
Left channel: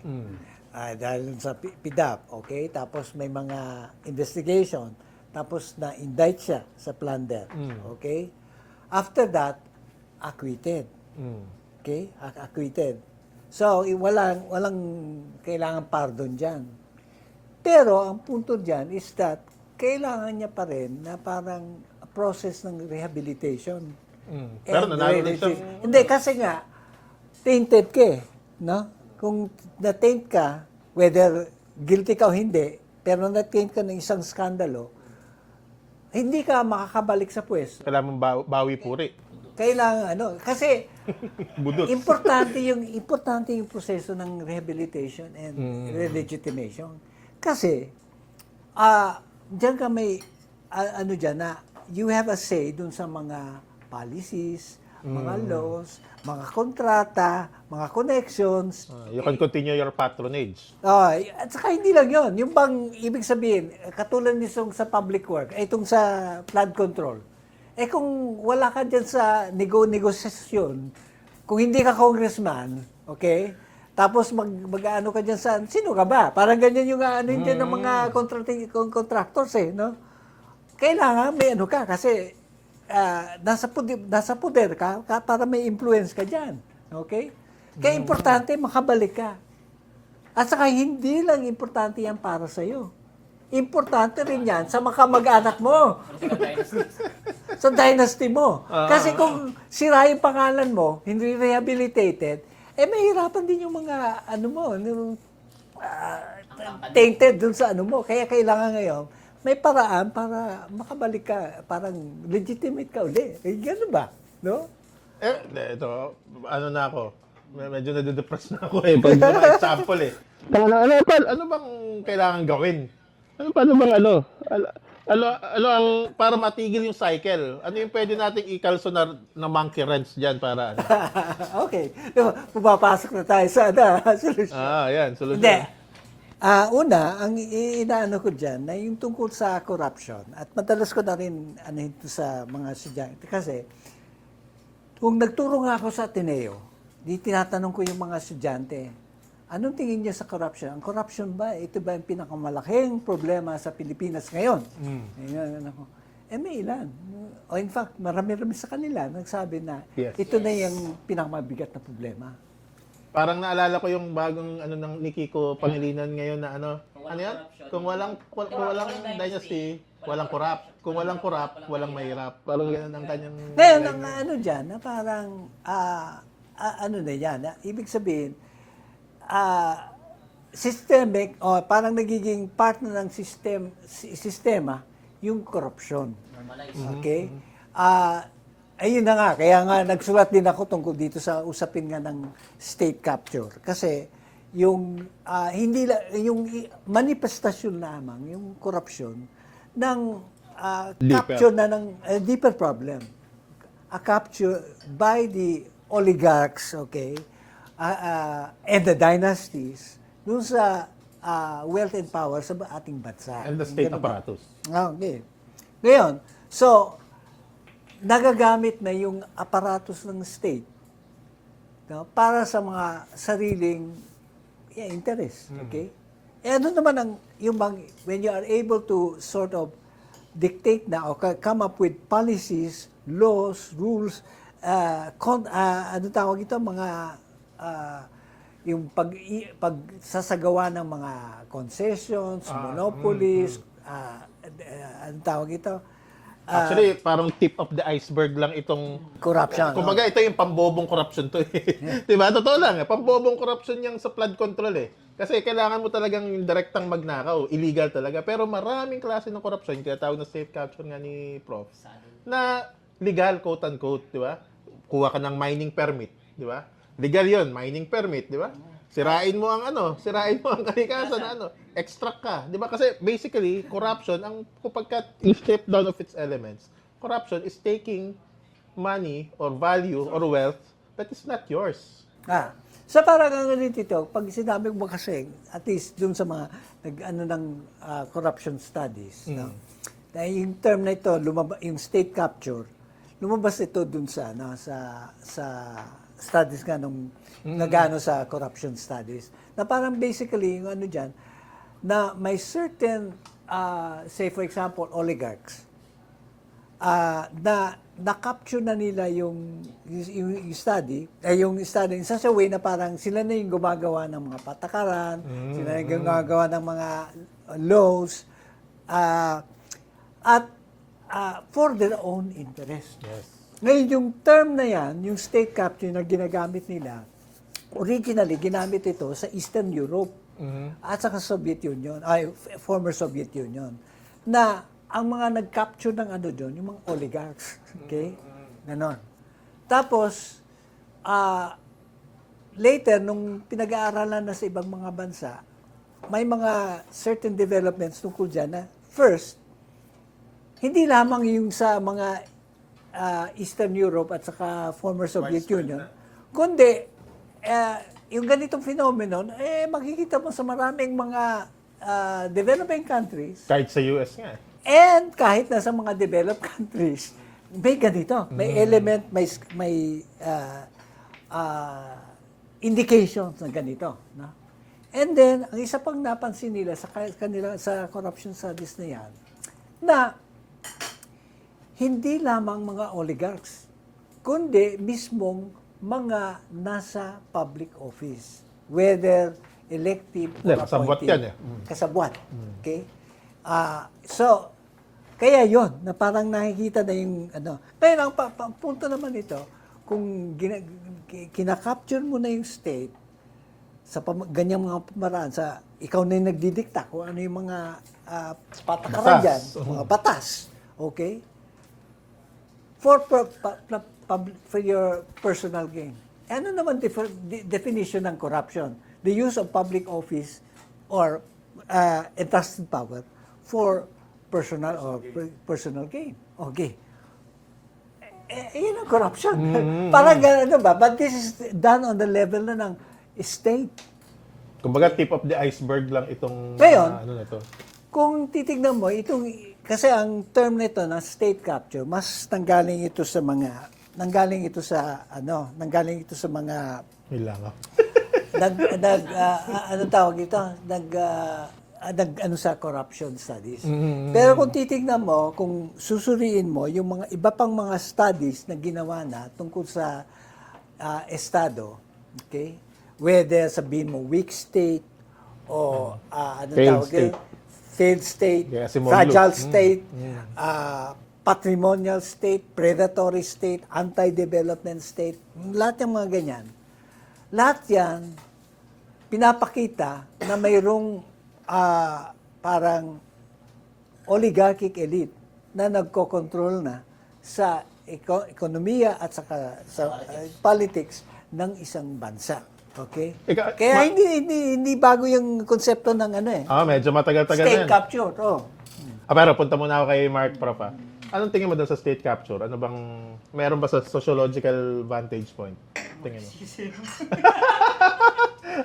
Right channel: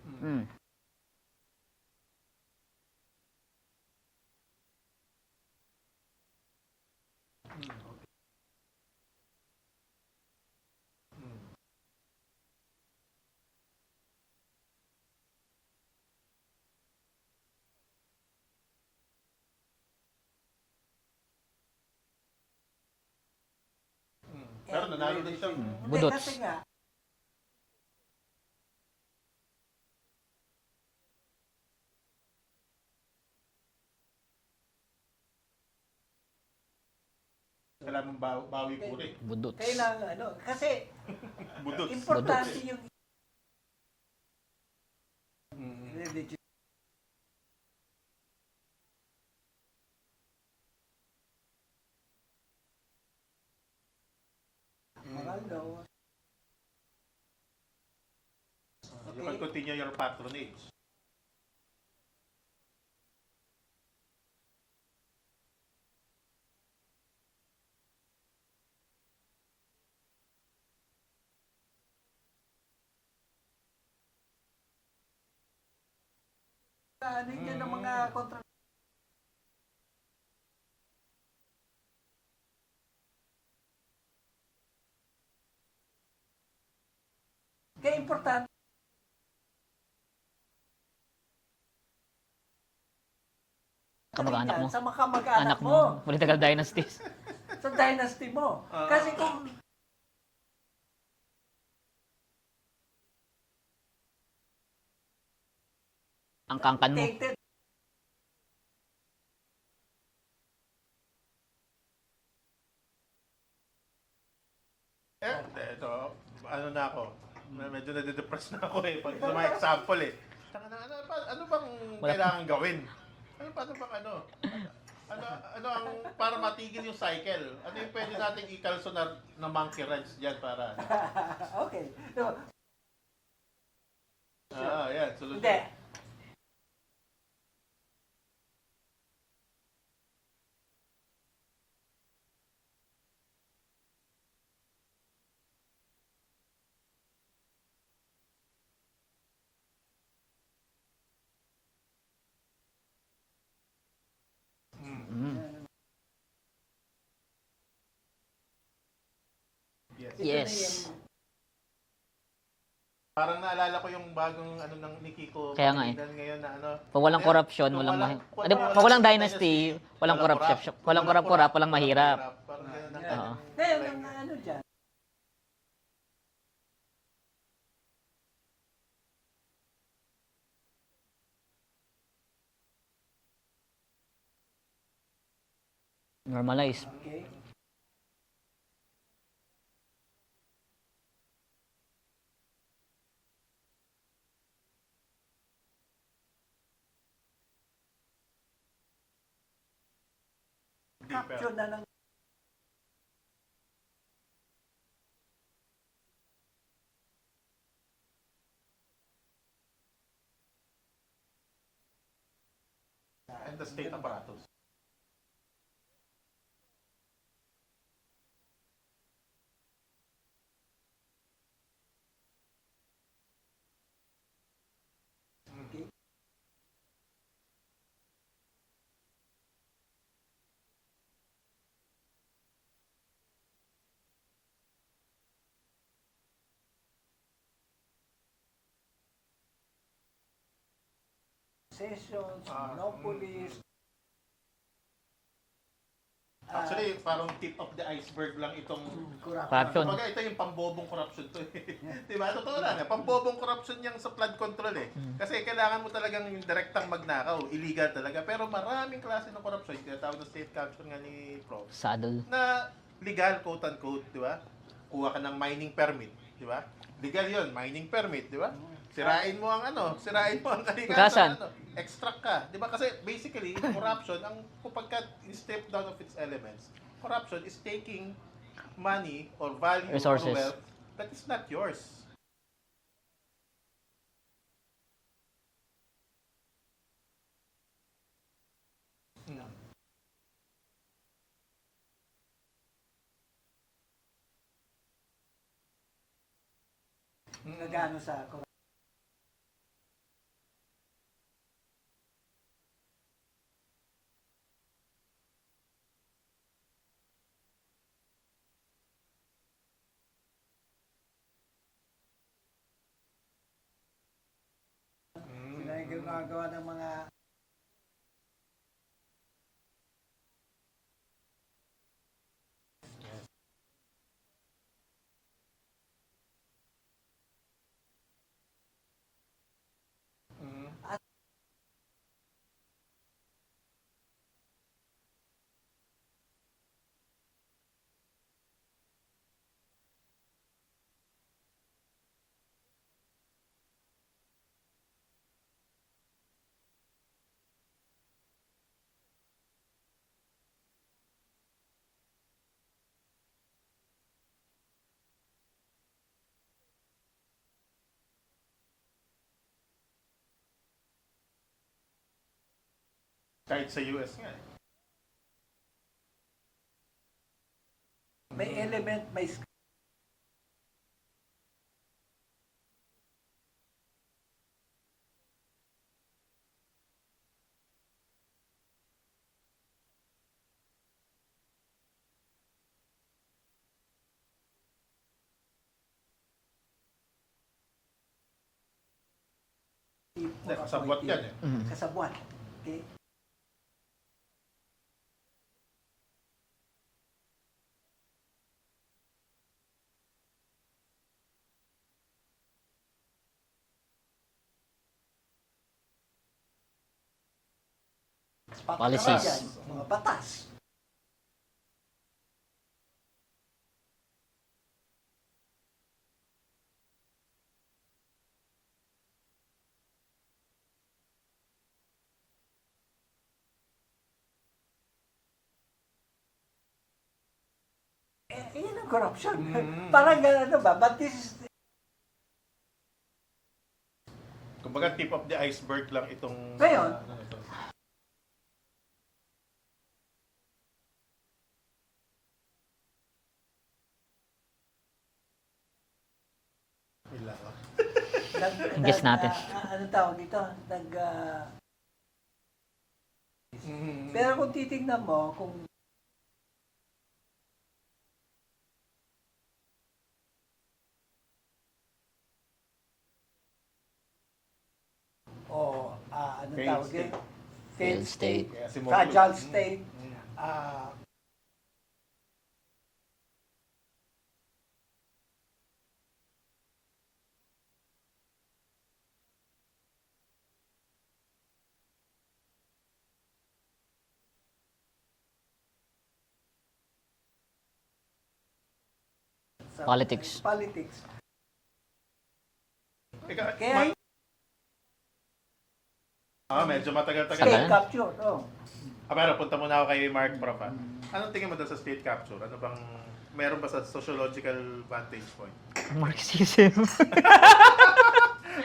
Dahil sa PDAP, okay? Tapos may mga investigation. Tapos na-indict siya sa plunder. Okay? After that, acquitted. Okay? Acquitted. So, walang kailangan pardon dyan. Pero, ang punto dyan is that kailangan niya pa rin na parang process ng rehabilitation. Pero And nanalo din siya. Hindi, kasi nga, tainted ka eh. No? Kung na-taint ka, whether guilty ka o hindi, pero na-taint ka ng isang skandalo, hindi ka makakabalik sa pwesto. Kailangan mong bawi puri. Kailangan kasi Budot. importante yung proseso ng rehabilitation and relegitimation. Kasi diyan ka may diyan na you have a say dun sa mga policies, mga laws, mga kontrata, mga connections. You can continue your patronage. At saka hindi lang yon. Yung bang, ibig sabihin, katulad nitong sa public work, itong sa flood control, kung wala ka dyan sa negosasyon, kung hindi ka congressman, okay, tapos mag-ano ka dyan sa, sino ka ba? Parang ganyan yung ano dyan ng mga contractors no? Kailangan may ano ka, kasi nasa poder ka para may influence ka dyan. Okay? Kaya importante makabalik ka. At saka hindi lang importante yan para sa'yo. Importante rin yan sa mga kamag-anak mo. Political dynasties. Sa dynasty mo. Kasi kung sira yung pangalan mo, hindi rehabilitated, mahirapan din yung mga Ang kangkan mo. tainted dun sa mo. Kaya kailangan ngayon, may paraan para makabalik ka, parang legitimate ka uli. Gano'n ba? No? Ito, ano na ako. Medyo nade-depress na ako pag mga example ano bang kailangan gawin? Paano bang ang para matigil yung cycle? Ano yung pwede nating ikalso na monkey wrench diyan para ano? Okay. Pumapasok na tayo sa solution. Yan, solusyon. Hindi. Una, ang inaano ko dyan na yung tungkol sa corruption. At madalas ko na rin ito sa mga estudyante. Kasi Kung nagturo nga ako sa Ateneo, di tinatanong ko yung mga estudyante, anong tingin niyo sa corruption? Ang corruption ba, ito ba yung pinakamalaking problema sa Pilipinas ngayon? Yan ako. May ilan. O in fact, marami-rami sa kanila nagsabi na Yes. ito na Yes. yung pinakamabigat na problema. Parang naalala ko yung bagong ano ng ni Kiko Kaya nga Pangilinan ngayon na ano. Kung walang ano yan? corruption, Kung walang walang dynasty, walang corruption, walang corrupt, walang mahirap. Walang ganun ang kanyang Ngayon, line ang niya. ano dyan, na parang, ano na yan, ibig sabihin, systemic, o parang nagiging part na ng sistema, yung corruption. Normalize. Okay? Ayun na nga, kaya nga nagsulat din ako tungkol dito sa usapin nga ng state capture. Kasi yung yung manifestasyon lamang, yung corruption, ng capture na ng deeper problem. A capture by the oligarchs, okay, and the dynasties, dun sa wealth and power sa ating bansa. And the state Ganun ba? apparatus. Okay. Ngayon, so, nagagamit na yung aparatus ng state, no, para sa mga sariling interest. Okay? Ano naman ang, when you are able to sort of dictate na or come up with policies, laws, rules, ano tawag ito, mga yung pagsasagawa ng mga concessions, monopolies, ano tawag ito, Actually, parang tip of the iceberg lang itong corruption. kumbaga ito yung pambobong corruption to eh. 'Di ba? Totoo lang, pambobong corruption yang sa flood control eh. Kasi kailangan mo talagang yung direktang magnakaw, illegal talaga. Pero maraming klase ng corruption, kaya tawag na safe capture nga ni Prof. Saddle. Na legal quote unquote, 'di ba? Kuha ka ng mining permit, 'di ba? Legal 'yon, mining permit, 'di ba? Sirain mo ang kalikasan, extract ka. 'Di ba? Kasi basically, corruption, ang kapag strip down of its elements, corruption is taking money or value Resources. or wealth that is not yours. So parang ang ganito ito, pag sinabi mo kasi, at least dun sa mga corruption studies, no? Dahil yung term na ito, yung state capture, lumabas ito dun sa studies nga nung nagano sa corruption studies. Na parang basically, yung ano dyan, na may certain, say for example, oligarchs, na na-capture na nila yung study in such a way na parang sila na yung gumagawa ng mga patakaran, sila na yung gumagawa ng mga laws, at for their own interest. Yes. Ngayon, yung term na yan, yung state capture na ginagamit nila, originally, ginamit ito sa Eastern Europe at saka Soviet Union, former Soviet Union, na ang mga nag-capture ng ano doon, yung mga oligarchs. Okay? Ganon. Tapos, later, nung pinag-aaralan na sa ibang mga bansa, may mga certain developments tungkol dyan na, first, hindi lamang yung sa mga Eastern Europe at saka former Soviet Union, kundi yung ganitong phenomenon, makikita mo sa maraming mga developing countries, Kahit sa US nga. and kahit na sa mga developed countries, may ganito. May element, may indications na ganito. No? And then, ang isa pang napansin nila sa corruption studies na yan, na hindi lamang mga oligarchs, kundi mismong mga nasa public office, whether elective or Kasabwat appointed. yan eh. Kasabwat. Okay? So, kaya yon na parang nakikita na yung ano. Ngayon, ang punto naman ito, kung kinakapture mo na yung state sa ganyang mga pamaraan, sa ikaw na yung nagdidikta kung ano yung mga patakaran Batas. dyan, mga batas. Okay? For your personal gain. Ano naman definition ng corruption? The use of public office or entrusted power for personal or personal gain. Okay. Yun ang corruption. Parang gano'n ba? But this is done on the level na ng state. Kumbaga tip of the iceberg lang itong Ngayon, ano na to. Kung titignan mo, kasi ang term nito na state capture, mas nanggaling ito sa mga nanggaling ito sa mga Yun lang. Guess natin. anong tawag ito? Sa corruption studies. Pero kung titignan mo, kung susuriin mo yung mga iba pang mga studies na ginawa na tungkol sa estado, okay? Whether sabihin mo weak state o Failed state. failed state, Kaya si Monlo. fragile state, patrimonial state, predatory state, anti-development state, lahat ng mga ganyan. Lahat yan, pinapakita na mayroong parang oligarchic elite na nagkokontrol na sa ekonomiya at saka sa politics ng isang bansa. Okay? Kaya hindi bago yung konsepto ng Medyo matagal-tagal na state yan. capture. Pero punta muna ako kay Mark, Prof. Anong tingin mo doon sa state capture? Ano bang, meron ba sa sociological vantage point? Marxism.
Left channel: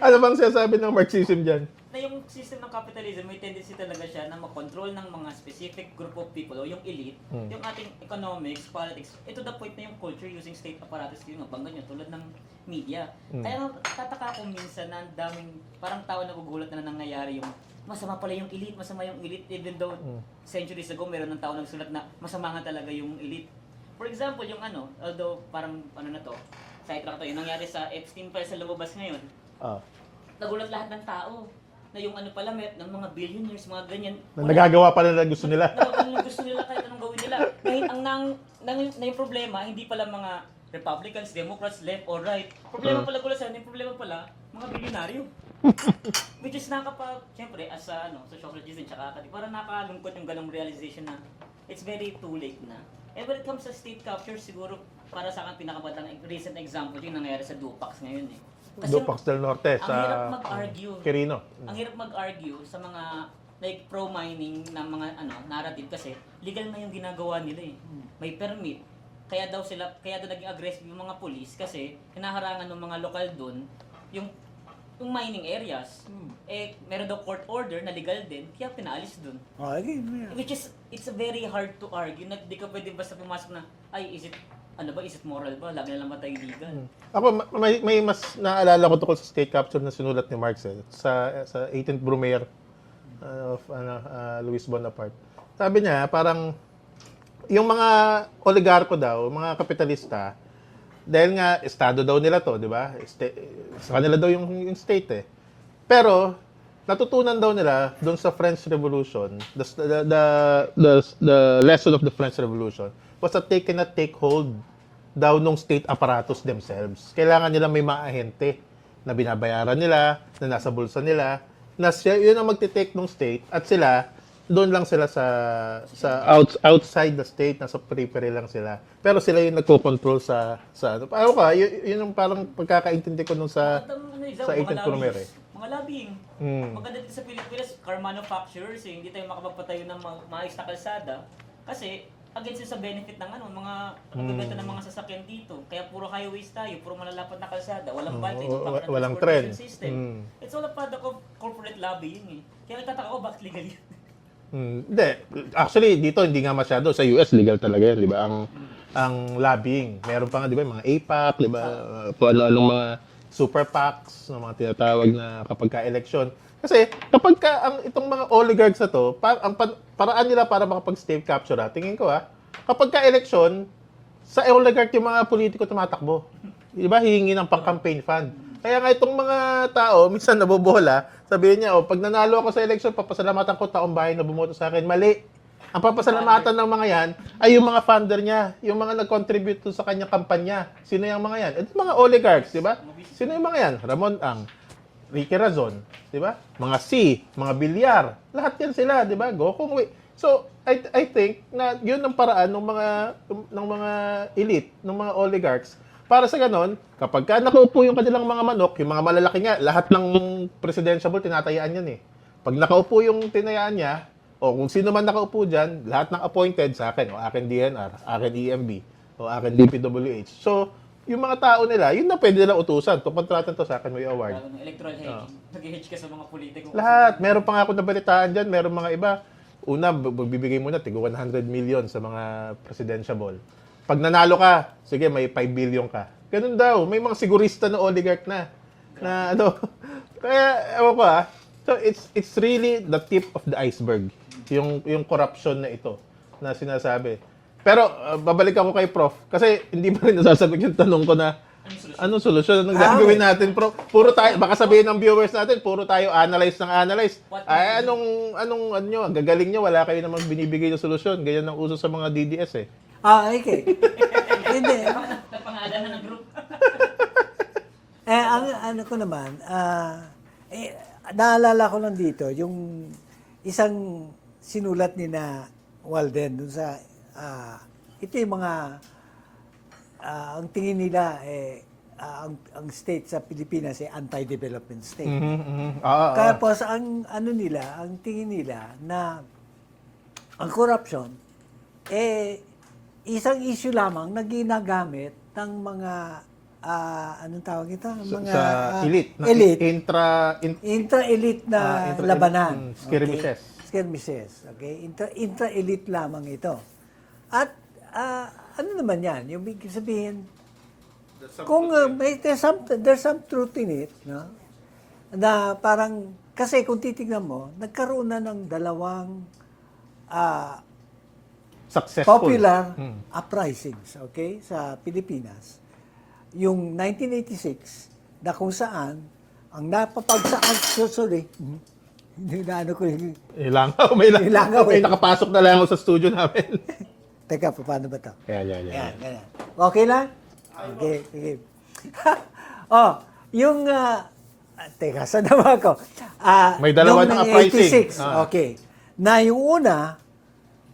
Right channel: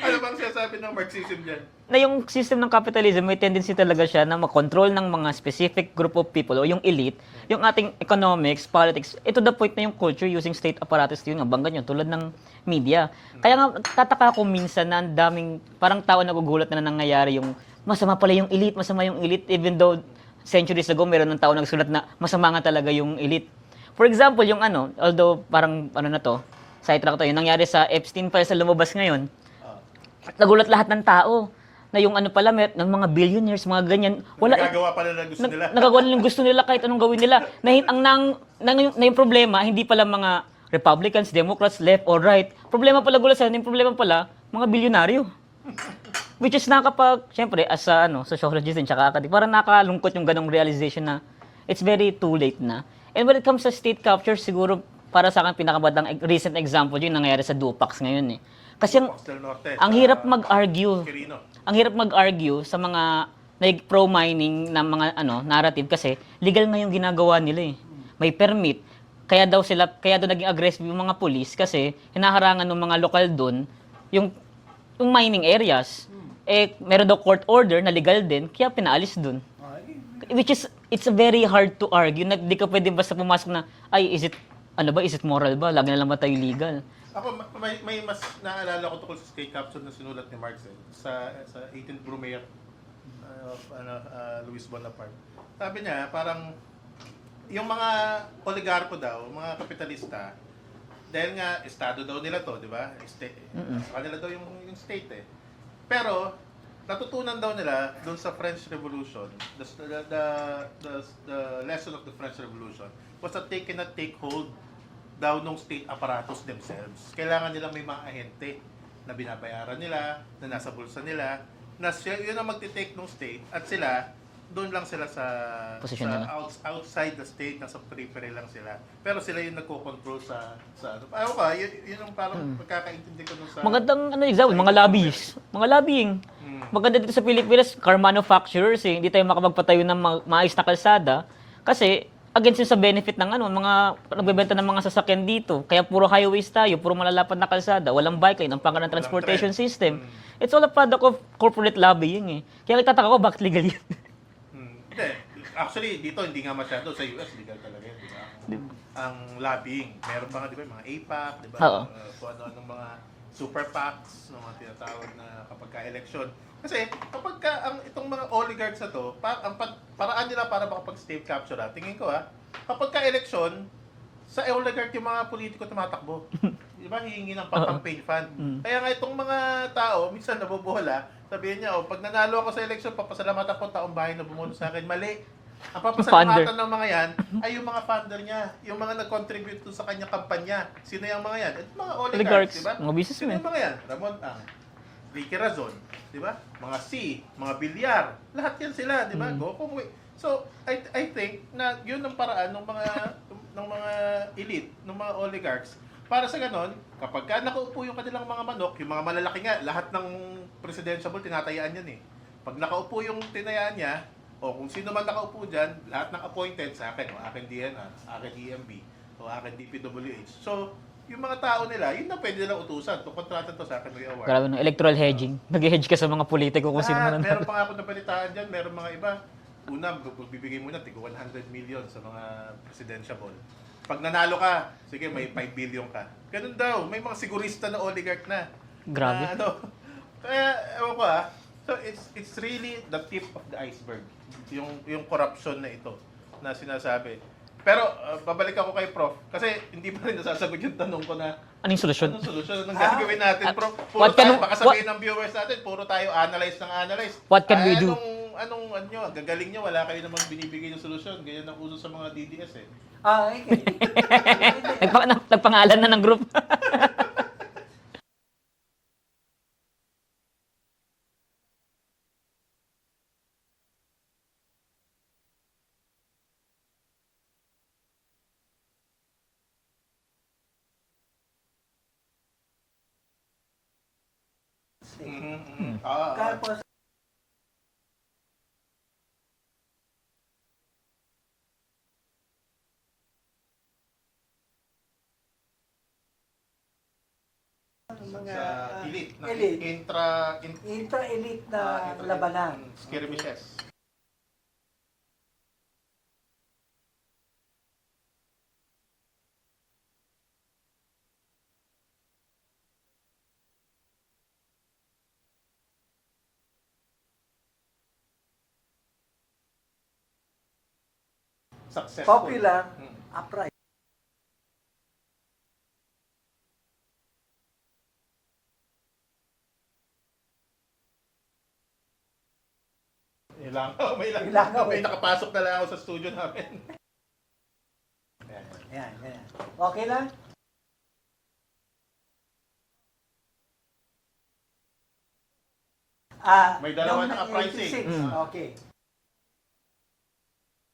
Ano bang sinasabi ng Marxism dyan? Na yung system ng capitalism, may tendency talaga siya na makontrol ng mga specific group of people o yung elite, yung ating economics, politics, ito the point na yung culture using state apparatus, yun nga, bangga nyo, tulad ng media. Kaya nga, tataka ko minsan na ang daming, parang tao nagugulat na nangyayari yung masama pala yung elite, masama yung elite, even though centuries ago, meron ng tao nagsulat na masama nga talaga yung elite. For example, yung although parang sidetrack to, yung nangyari sa Epstein files na lumabas ngayon, nagulat lahat ng tao na yung pala, ng mga billionaires, mga ganyan. Nagagawa pala na gusto nila. Nagagawa nila yung gusto nila kahit anong gawin nila. Yung problema, hindi pala mga Republicans, Democrats, left or right. Problema pala yung problema pala, mga bilyonaryo. Which is syempre, as a sociologist din, tsaka academic, parang nakalungkot yung ganong realization na it's very too late na. And when it comes sa state capture, siguro, para sa akin, pinakabadang recent example yun nangyayari sa Dupax ngayon eh. Kasi Dupax del Norte, ang hirap mag-argue. Quirino. Ang hirap mag-argue sa mga pro-mining na mga narrative kasi legal na yung ginagawa nila eh. May permit. Kaya daw naging aggressive yung mga police kasi hinaharangan ng mga lokal doon yung mining areas. Meron daw court order na legal din, kaya pinaalis doon. Which is, it's very hard to argue na di ka pwede basta pumasok na, is it moral ba? Lagi na lang ba tayo legal? Ako, may mas naalala ko tungkol sa state capture na sinulat ni Marx sa 18th Brumaire of Louis Bonaparte. Sabi niya, parang yung mga oligarko daw, mga kapitalista, dahil nga estado daw nila to, di ba? Sa kanila daw yung state eh. Pero natutunan daw nila doon sa French Revolution, the lesson of the French Revolution was that they cannot take hold daw nung state apparatus themselves. Kailangan nila may mga ahente na binabayaran nila, na nasa bulsa nila, na yun ang magte-take ng state at sila, doon lang sila outside the state, nasa periphery lang sila. Pero sila yung nagko-control sa ano ka, yun yung parang pagkakaintindi ko nung sa magandang example, sa mga 18th lobbies, Brumaire. mga lobbying. Maganda dito sa Pilipinas, car manufacturers hindi tayo makapagpatayo ng maayos na kalsada kasi against yun sa benefit ng mga nagbebenta ng mga sasakyan dito. Kaya puro highways tayo, puro malalapad na kalsada, walang bike lane, ang pangkat ng transportation system. It's all a product of corporate lobbying eh. Kaya nagtataka ko, bakit legal yun? Hindi. Actually, dito hindi nga masyado. Sa US, legal talaga yan, di ba? Ang lobbying. Meron pa nga, di ba, mga APAC, di ba? Kung ano-anong mga super PACs, mga tinatawag na kapag ka-election. Kasi kapag itong mga oligarchs na to, ang paraan nila para makapag-state capture, tingin ko kapag ka-election, sa oligarch yung mga politiko tumatakbo. Di ba? Hihingi ng pang-campaign fund. Kaya nga itong mga tao, minsan nabobola, sabihin niya, pag nanalo ako sa election, papasalamatan ko taong bahay na bumoto sa akin. Mali. Ang papasalamatan ng mga yan ay yung mga funder niya, yung mga nag-contribute sa kanyang kampanya. Sino yung mga yan? Ito mga oligarchs, di ba? Sino yung mga yan? Ramon Ang, Ricky Razon, di ba? Mga C, mga Bilyar, lahat yan sila, di ba? Gokong Wei. So, I think na yun ang paraan ng mga elite, ng mga oligarchs. Para sa ganon, kapag nakaupo yung kanilang mga manok, yung mga malalaki nga, lahat ng presidential tinatayaan yan eh. Pag nakaupo yung tinayaan niya, o kung sino man nakaupo dyan, lahat ng appointed sa akin, o akin DNR, akin EMB, o akin DPWH. So, yung mga tao nila, yun na pwede nilang utusan. Kung kontratan to sa akin, may award. Grabe electoral hedging. Nag-hedge ka sa mga politiko kung Lahat. sino. Meron pa nga ako nabalitaan dyan, meron mga iba. Una, magbibigay muna, tigo 100 million sa mga presidential ball. Pag nanalo ka, sige, may 5 billion ka. Ganun daw. May mga sigurista na oligarch na. Grabe. Na, ano, kaya, ewan ko So, it's really the tip of the iceberg. Yung corruption na ito na sinasabi. Pero, babalik ako kay Prof. Kasi hindi pa rin nasasagot yung tanong ko na, Anong solusyon? anong solusyon? Anong gagawin natin, Prof? Puro what tayo, can- baka sabihin ng viewers natin, puro tayo analyze ng analyze. What can we do? Anong nyo, gagaling nyo, wala kayo namang binibigay ng solusyon. Ganyan ang uso sa mga DDS eh. Okay. Hindi. Nagpangalan na ng group. Ang ano ko naman, naalala ko lang dito, yung isang sinulat ni na Walden dun sa, ito yung mga, ang tingin nila, ang state sa Pilipinas ay anti-development state. Kaya po ang ano nila, ang tingin nila na ang corruption, isang issue lamang na ginagamit ng mga anong tawag ito? Mga Sa elite. elite. Intra-elite na labanan. Skirmishes. Okay? Skirmishes. Okay? Intra-elite lamang ito. At ano naman yan? Yung big sabihin, kung there's some truth in it, no? Na parang, kasi kung titignan mo, nagkaroon na ng dalawang Successful. popular uprisings, okay, sa Pilipinas. Yung 1986, na kung saan, ang sorry, hindi na ano ko yung, Ilangaw. May Ilangaw, may eh. nakapasok na lang ako sa studio namin. teka, paano ba ito? Yan. Yan, ganyan. Okay lang? Okay, sige. Yung, teka, saan naman ako? May dalawa yung ng uprising. 86, okay. Na yung una,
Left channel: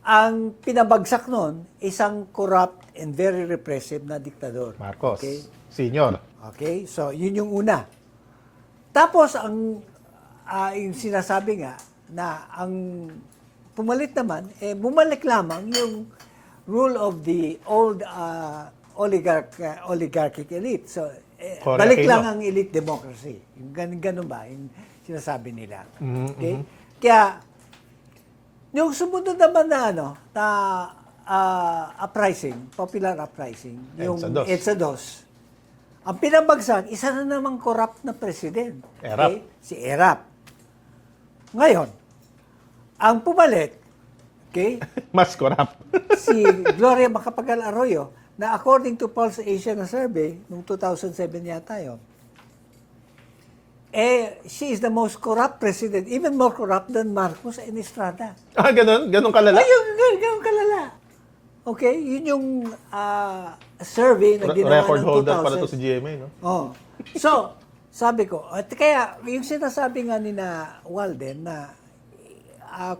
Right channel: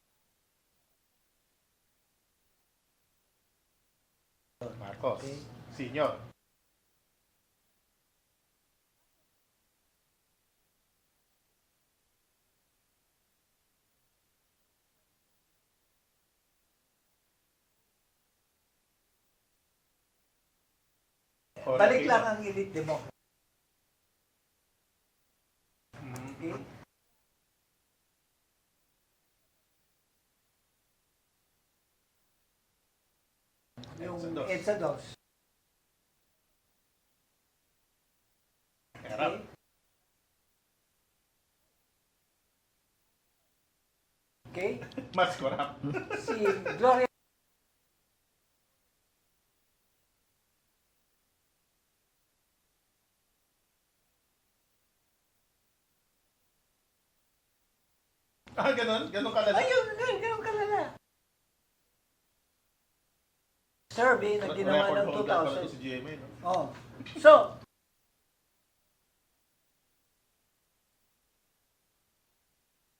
ang pinabagsak nun, isang corrupt and very repressive na diktador. Marcos. Okay? Senior. Okay, so yun yung una. Tapos, yung sinasabi nga, na ang pumalit naman, bumalik lamang yung rule of the old oligarchic elite. So, Correct. balik lang ang elite democracy. Yung ganun ba? Yung sinasabi nila. Okay? Kaya, yung sumunod naman na uprising, popular uprising, yung EDSA II. EDSA II, ang pinabagsak, isa na namang corrupt na president. Erap. Okay? Si Erap. Ngayon, ang pumalit, okay, Mas corrupt. si Gloria Macapagal Arroyo, na according to Pulse Asia na survey, noong 2007 yata yun, she is the most corrupt president, even more corrupt than Marcos and Estrada. Ganun? Ganun kalala? Ayun, ganun kalala. Okay, yun yung survey na ginawa Record ng holder 2000. pala to si GMA, no? Oh. So, sabi ko, at kaya yung sinasabi nga ni na Walden na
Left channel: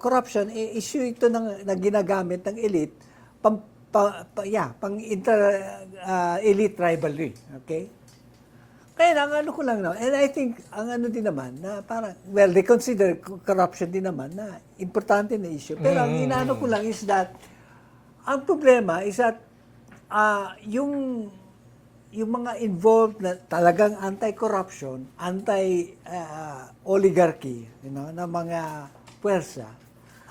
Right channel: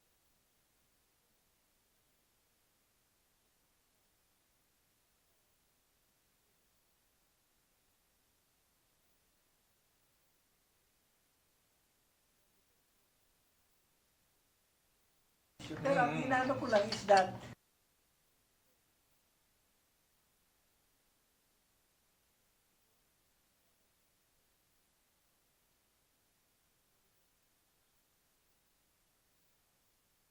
corruption, issue ito na ginagamit ng elite pang inter-elite rivalry. Okay? Kaya ang ano ko lang na, and I think, ang ano din naman, na parang, well, they consider corruption din naman na importante na issue. Pero ang inaano ko lang is that, ang problema is that, yung mga involved na talagang anti-corruption, anti-oligarchy, na mga puwersa,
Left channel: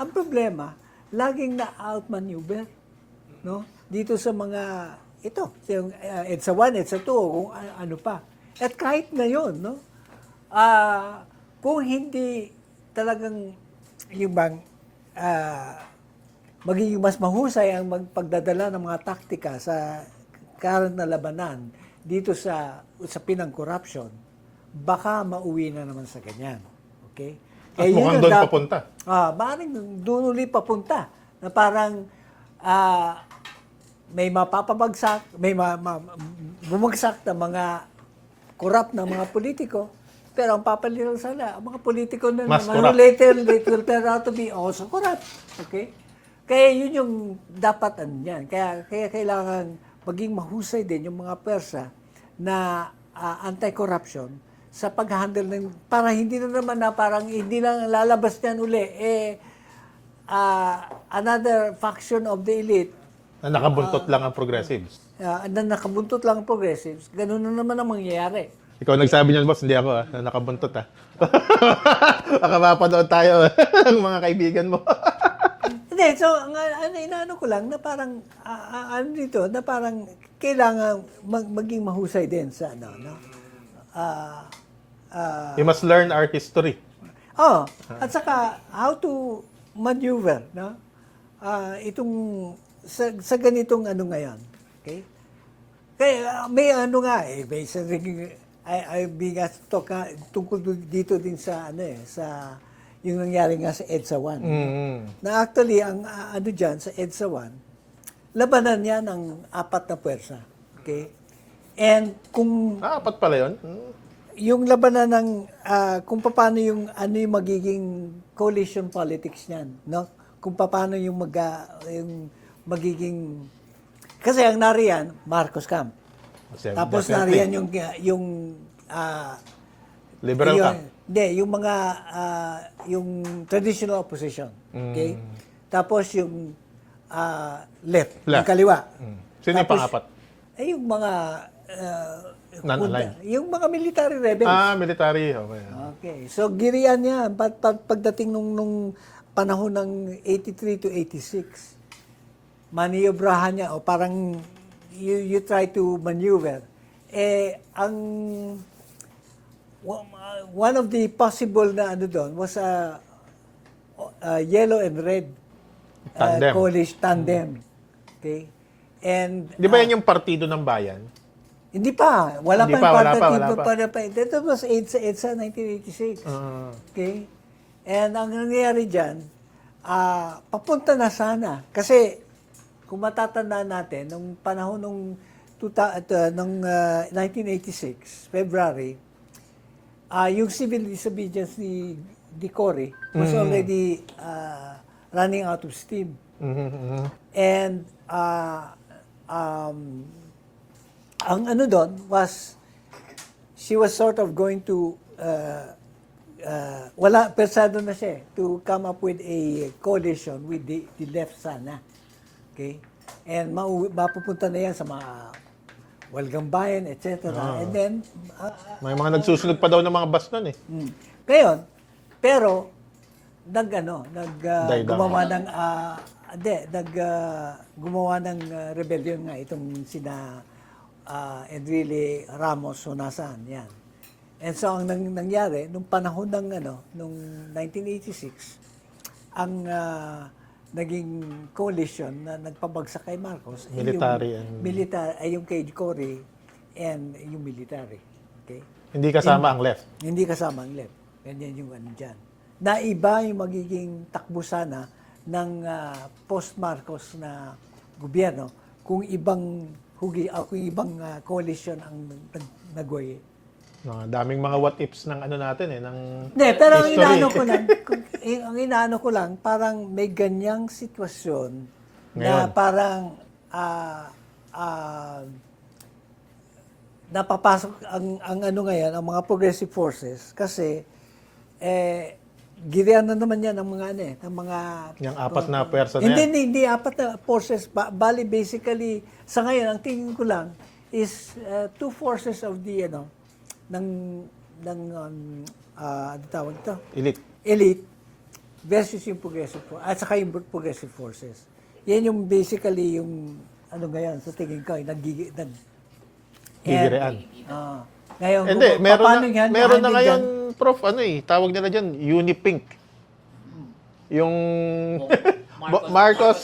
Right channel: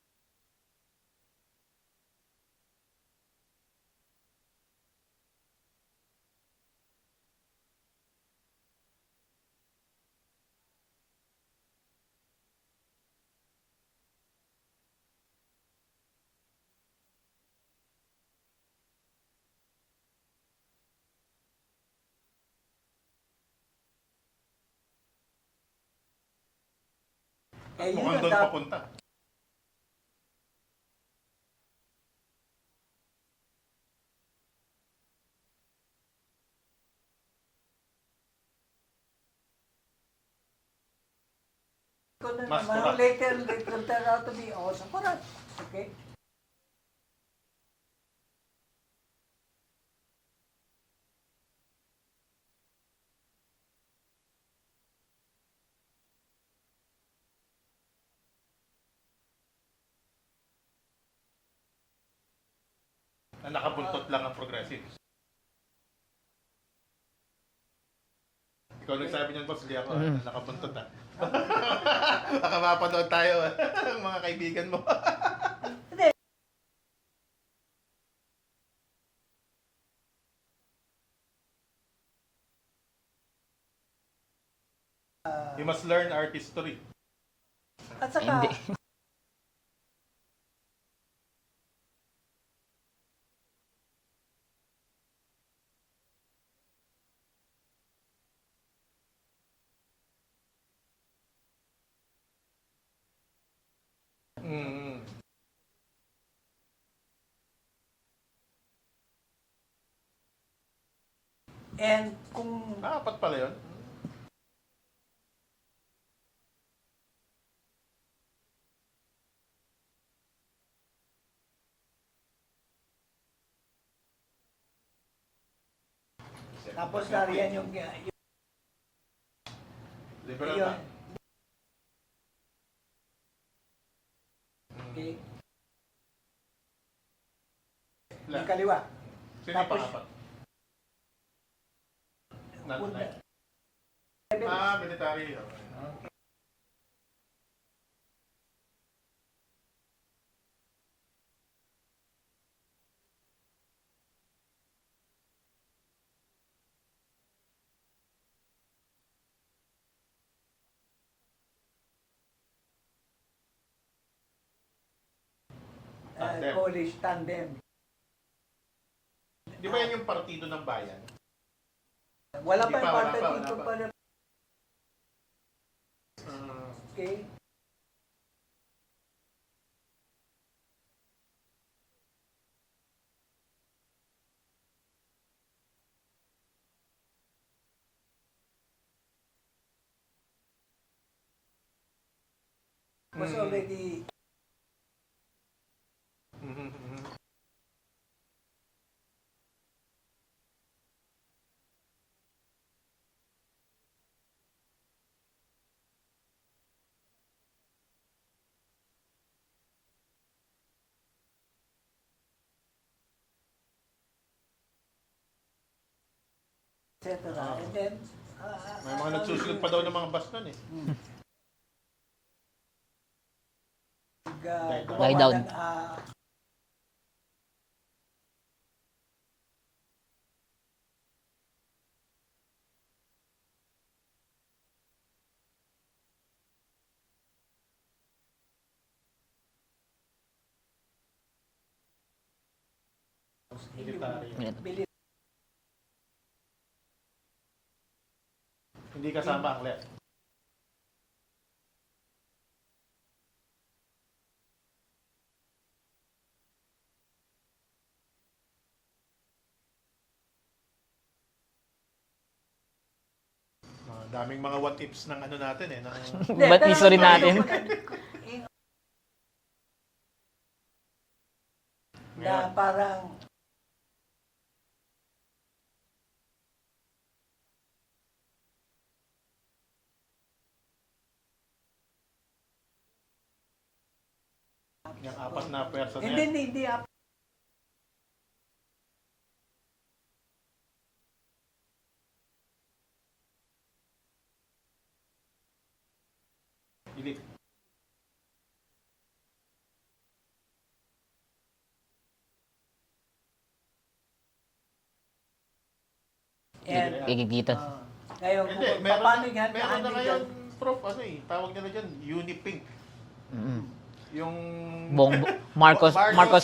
ang problema, laging na-outmaneuver, no? Dito sa mga, ito, yung EDSA 1, EDSA 2, kung ano pa. At kahit ngayon, no? Kung hindi talagang yung bang magiging mas mahusay ang magpagdadala ng mga taktika sa current na labanan dito sa usapin ng corruption, baka mauwi na naman sa ganyan. Okay? At mukhang doon papunta. Maaaring doon ulit papunta. Na parang may mapapabagsak, may bumagsak na mga corrupt na mga politiko, pero ang papalitan sana, ang mga politiko na Mas naman, corrupt. later will turn out to be also corrupt. Okay? Kaya yun yung dapat yan. Kaya kailangan maging mahusay din yung mga persa na anti-corruption sa pag-handle ng, para hindi na naman na parang hindi lang lalabas niyan uli, another faction of the elite Na nakabuntot lang ang progressives. na nakabuntot lang ang progressives, ganun na naman ang mangyayari. Ikaw nagsabi niyan, boss, hindi ako, na nakabuntot, Baka mapanood tayo ng mga kaibigan mo. Hindi, so, inaano ko lang na parang, ano dito, na parang kailangan maging mahusay din sa ano, no? We must learn art history. At saka, how to maneuver, no? Itong, sa ganitong ano ngayon, okay? Kaya may ano nga may I being asked to talk tungkol dito din sa ano sa yung nangyari nga sa EDSA 1. Na actually ang ano diyan sa EDSA 1, labanan niya ng 4 na puwersa. Okay? And kung Apat pala yun. yung labanan ng kung paano yung ano yung magiging coalition politics niyan, no? Kung paano yung yung magiging kasi ang nariyan Marcos Camp. Tapos nariyan yung Liberal yun, camp. hindi, yung mga yung traditional opposition. Okay? Tapos yung left, yung kaliwa. Sino yung Tapos, pang-apat? Ay yung mga Non-aligned. yung mga military rebels. Military. Okay. Okay. So girian niya pagdating nung panahon ng 83 to 86. Maniobrahan niya o parang you try to maneuver. Ang one of the possible na ano doon was a yellow and red Tandem. coalition tandem. Okay? And Di ba yan yung partido ng bayan? hindi pa. Wala Hindi pa. wala pa. That was EDSA 1986. Okay? And ang nangyayari dyan, papunta na sana. Kasi, kung matatandaan natin, nung panahon nung 1986, February, yung civil disobedience ni Cory was already running out of steam. And ang ano doon was she was sort of going to persado na siya to come up with a coalition with the left sana. Okay? And mapupunta na yan sa mga Walgang Bayan, etc. And then May mga nagsusunog pa daw ng mga bus nun eh. ngayon, pero Die down. gumawa ng rebellion nga itong sina Enrile Ramos Honasan, yan. And so ang nangyari nung panahon ng nung 1986, ang naging coalition na nagpabagsak kay Marcos Military yung kay Cory and yung military. Okay? Hindi kasama ang left. Hindi kasama ang left. Ganyan yung ano dyan. Na iba yung magiging takbo sana ng post-Marcos na gobyerno kung ibang coalition ang nagway. Daming mga what ifs ng ano natin eh. Hindi, But pero history ang inaano ko lang, parang may ganyang sitwasyon Ngayon. na parang napapasok ang ano ngayon, ang mga progressive forces kasi girian na naman yan ng mga ng mga Yung 4 na pwersa na yan. hindi 4 na forces bali basically sa ngayon ang tingin ko lang is 2 forces of the ano ano tawag ito? Elite versus yung progressive forces at saka yung progressive forces. Yan yung basically yung ano ngayon sa tingin ko Gigirian. Gigigita. ngayon, Hindi, paano meron na handle ngayon, dyan? Prof, tawag nila dyan, Unipink. Yung Marcos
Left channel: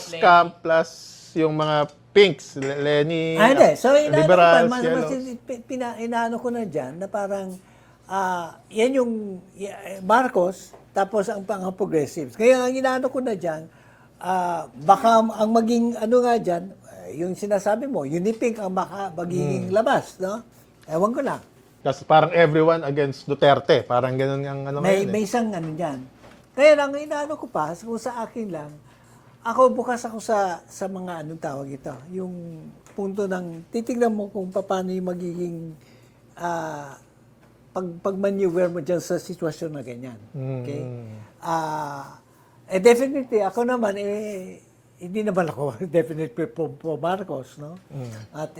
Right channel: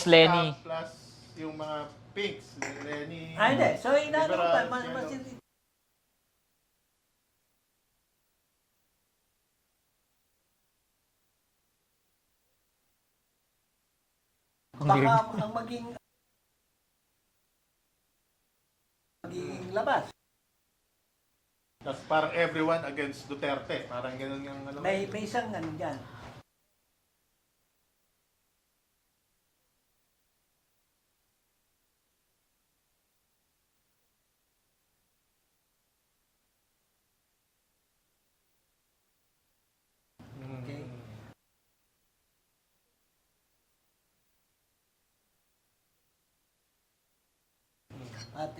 Lenny. Camp plus yung mga pinks, Lenny, Hindi. So, liberals, yellows. inaano ko na dyan na parang yan yung Marcos tapos ang progressives. Kaya ang inaano ko na dyan, baka ang maging ano nga dyan, yung sinasabi mo, Unipink ang magiging labas, no? Ewan ko lang. Kasi parang everyone against Duterte. Parang ganun ang ano May ngayon eh. isang ano dyan. Kaya lang, inaano ko pa, kung sa akin lang, ako bukas ako sa mga anong tawag ito. Yung punto ng, titignan mo kung paano yung magiging pag-maneuver mo dyan sa sitwasyon na ganyan. Okay? Definitely, ako naman, hindi naman ako definitely po Marcos, no? At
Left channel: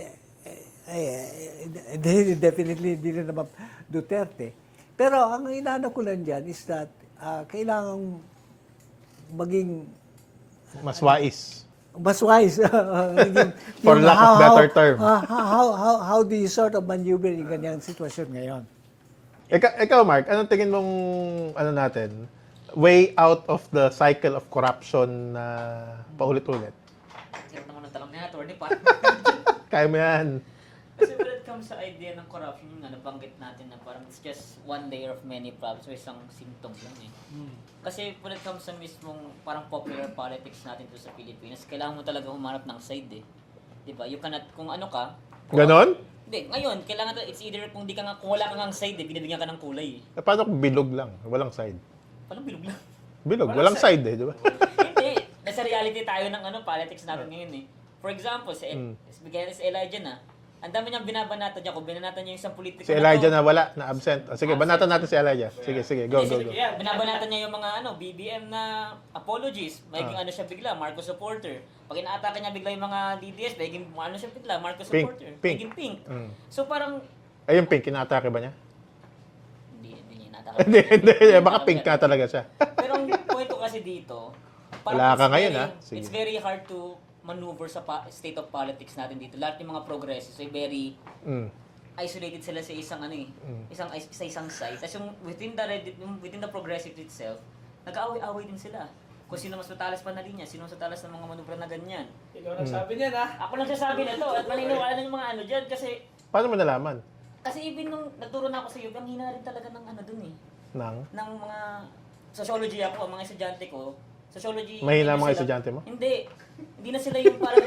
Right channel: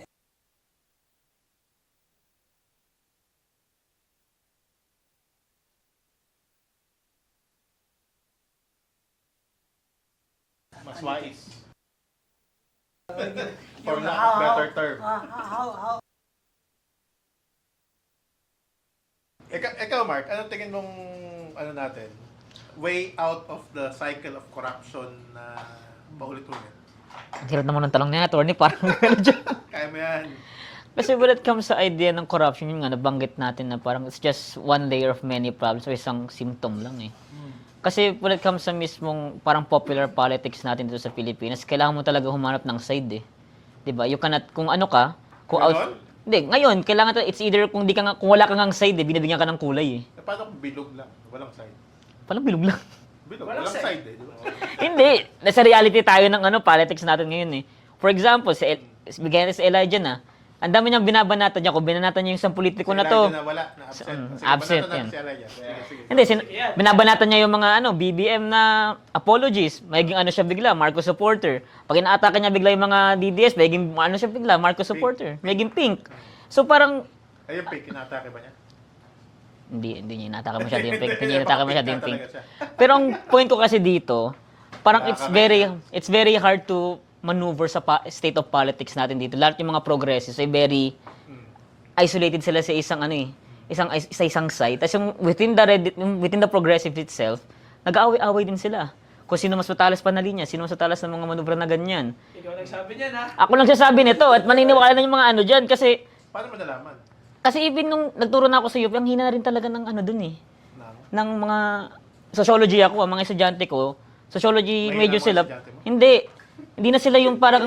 definitely hindi na naman Duterte. Pero ang inaano ko lang dyan is that kailangan maging Mas wise. Mas wise. For lack of better term. How do you sort of maneuver yung ganyang sitwasyon ngayon? Ikaw, Mark, anong tingin mong, ano natin, way out of the cycle of corruption na paulit-ulit? Ang hirap naman ng talong na attorney, parang Kaya mo yan. Kasi when it comes sa idea ng corruption, yun nga, nabanggit natin na parang it's just one layer of many problems o isang symptom lang eh. Kasi when it comes sa mismong parang popular politics natin dito sa Pilipinas, kailangan mo talaga humanap ng side eh. 'Di ba? You cannot, kung ano ka, kung Ganon? Hindi, ngayon, kailangan it's either kung, di ka nga, kung wala kang side eh, binibigyan ka ng kulay eh. Paano kung bilog lang? Walang side. Parang bilog lang. Bilog, walang side eh, di ba? Hindi. Nasa reality tayo ng politics natin ngayon eh. For example, bigyan natin si Elijah na, ang dami niyang binabanatan niya. Kung binanatan niya yung isang politiko Si na to. Elijah na wala, na absent. Sige, Absent banatan natin yan. si Elijah. Sige, go. Hindi, go. binabanatan niya yung mga BBM na apologies. Magiging ano siya bigla, Marcos supporter. Pag inaatake niya bigla yung mga DDS, magiging ano siya bigla, Marcos supporter. Pink. Magiging pink. So parang, Ay, yung pink, inatake ba niya? hindi niya inaatake masyado yung pink. Hindi, Hindi baka inaatake pink masyado ka yung talaga pink. siya. Pero ang point ko kasi dito, parang Wala ka ngayon, Sige. it's very hard to maneuver sa state of politics natin dito. Lahat yung mga progressives ay very isolated sila sa isang isang site. Tapos yung within the progressive itself, nag-aaway-away din sila. Kung sino mas matalas pa na linya, sino mas matalas ng mga manubra na ganyan. Ikaw nagsabi niyan, ha? Ako lang sasabi nito at maniniwala na yung mga ano dyan kasi Paano mo nalaman? even nung nagturo na ako sa UP, ang hina na rin talaga ng ano dun eh. Nang? Ng mga sociology ako, ang mga estudyante ko, sociology Mahina major ang mga sila. estudyante mo? Hindi na sila yung parang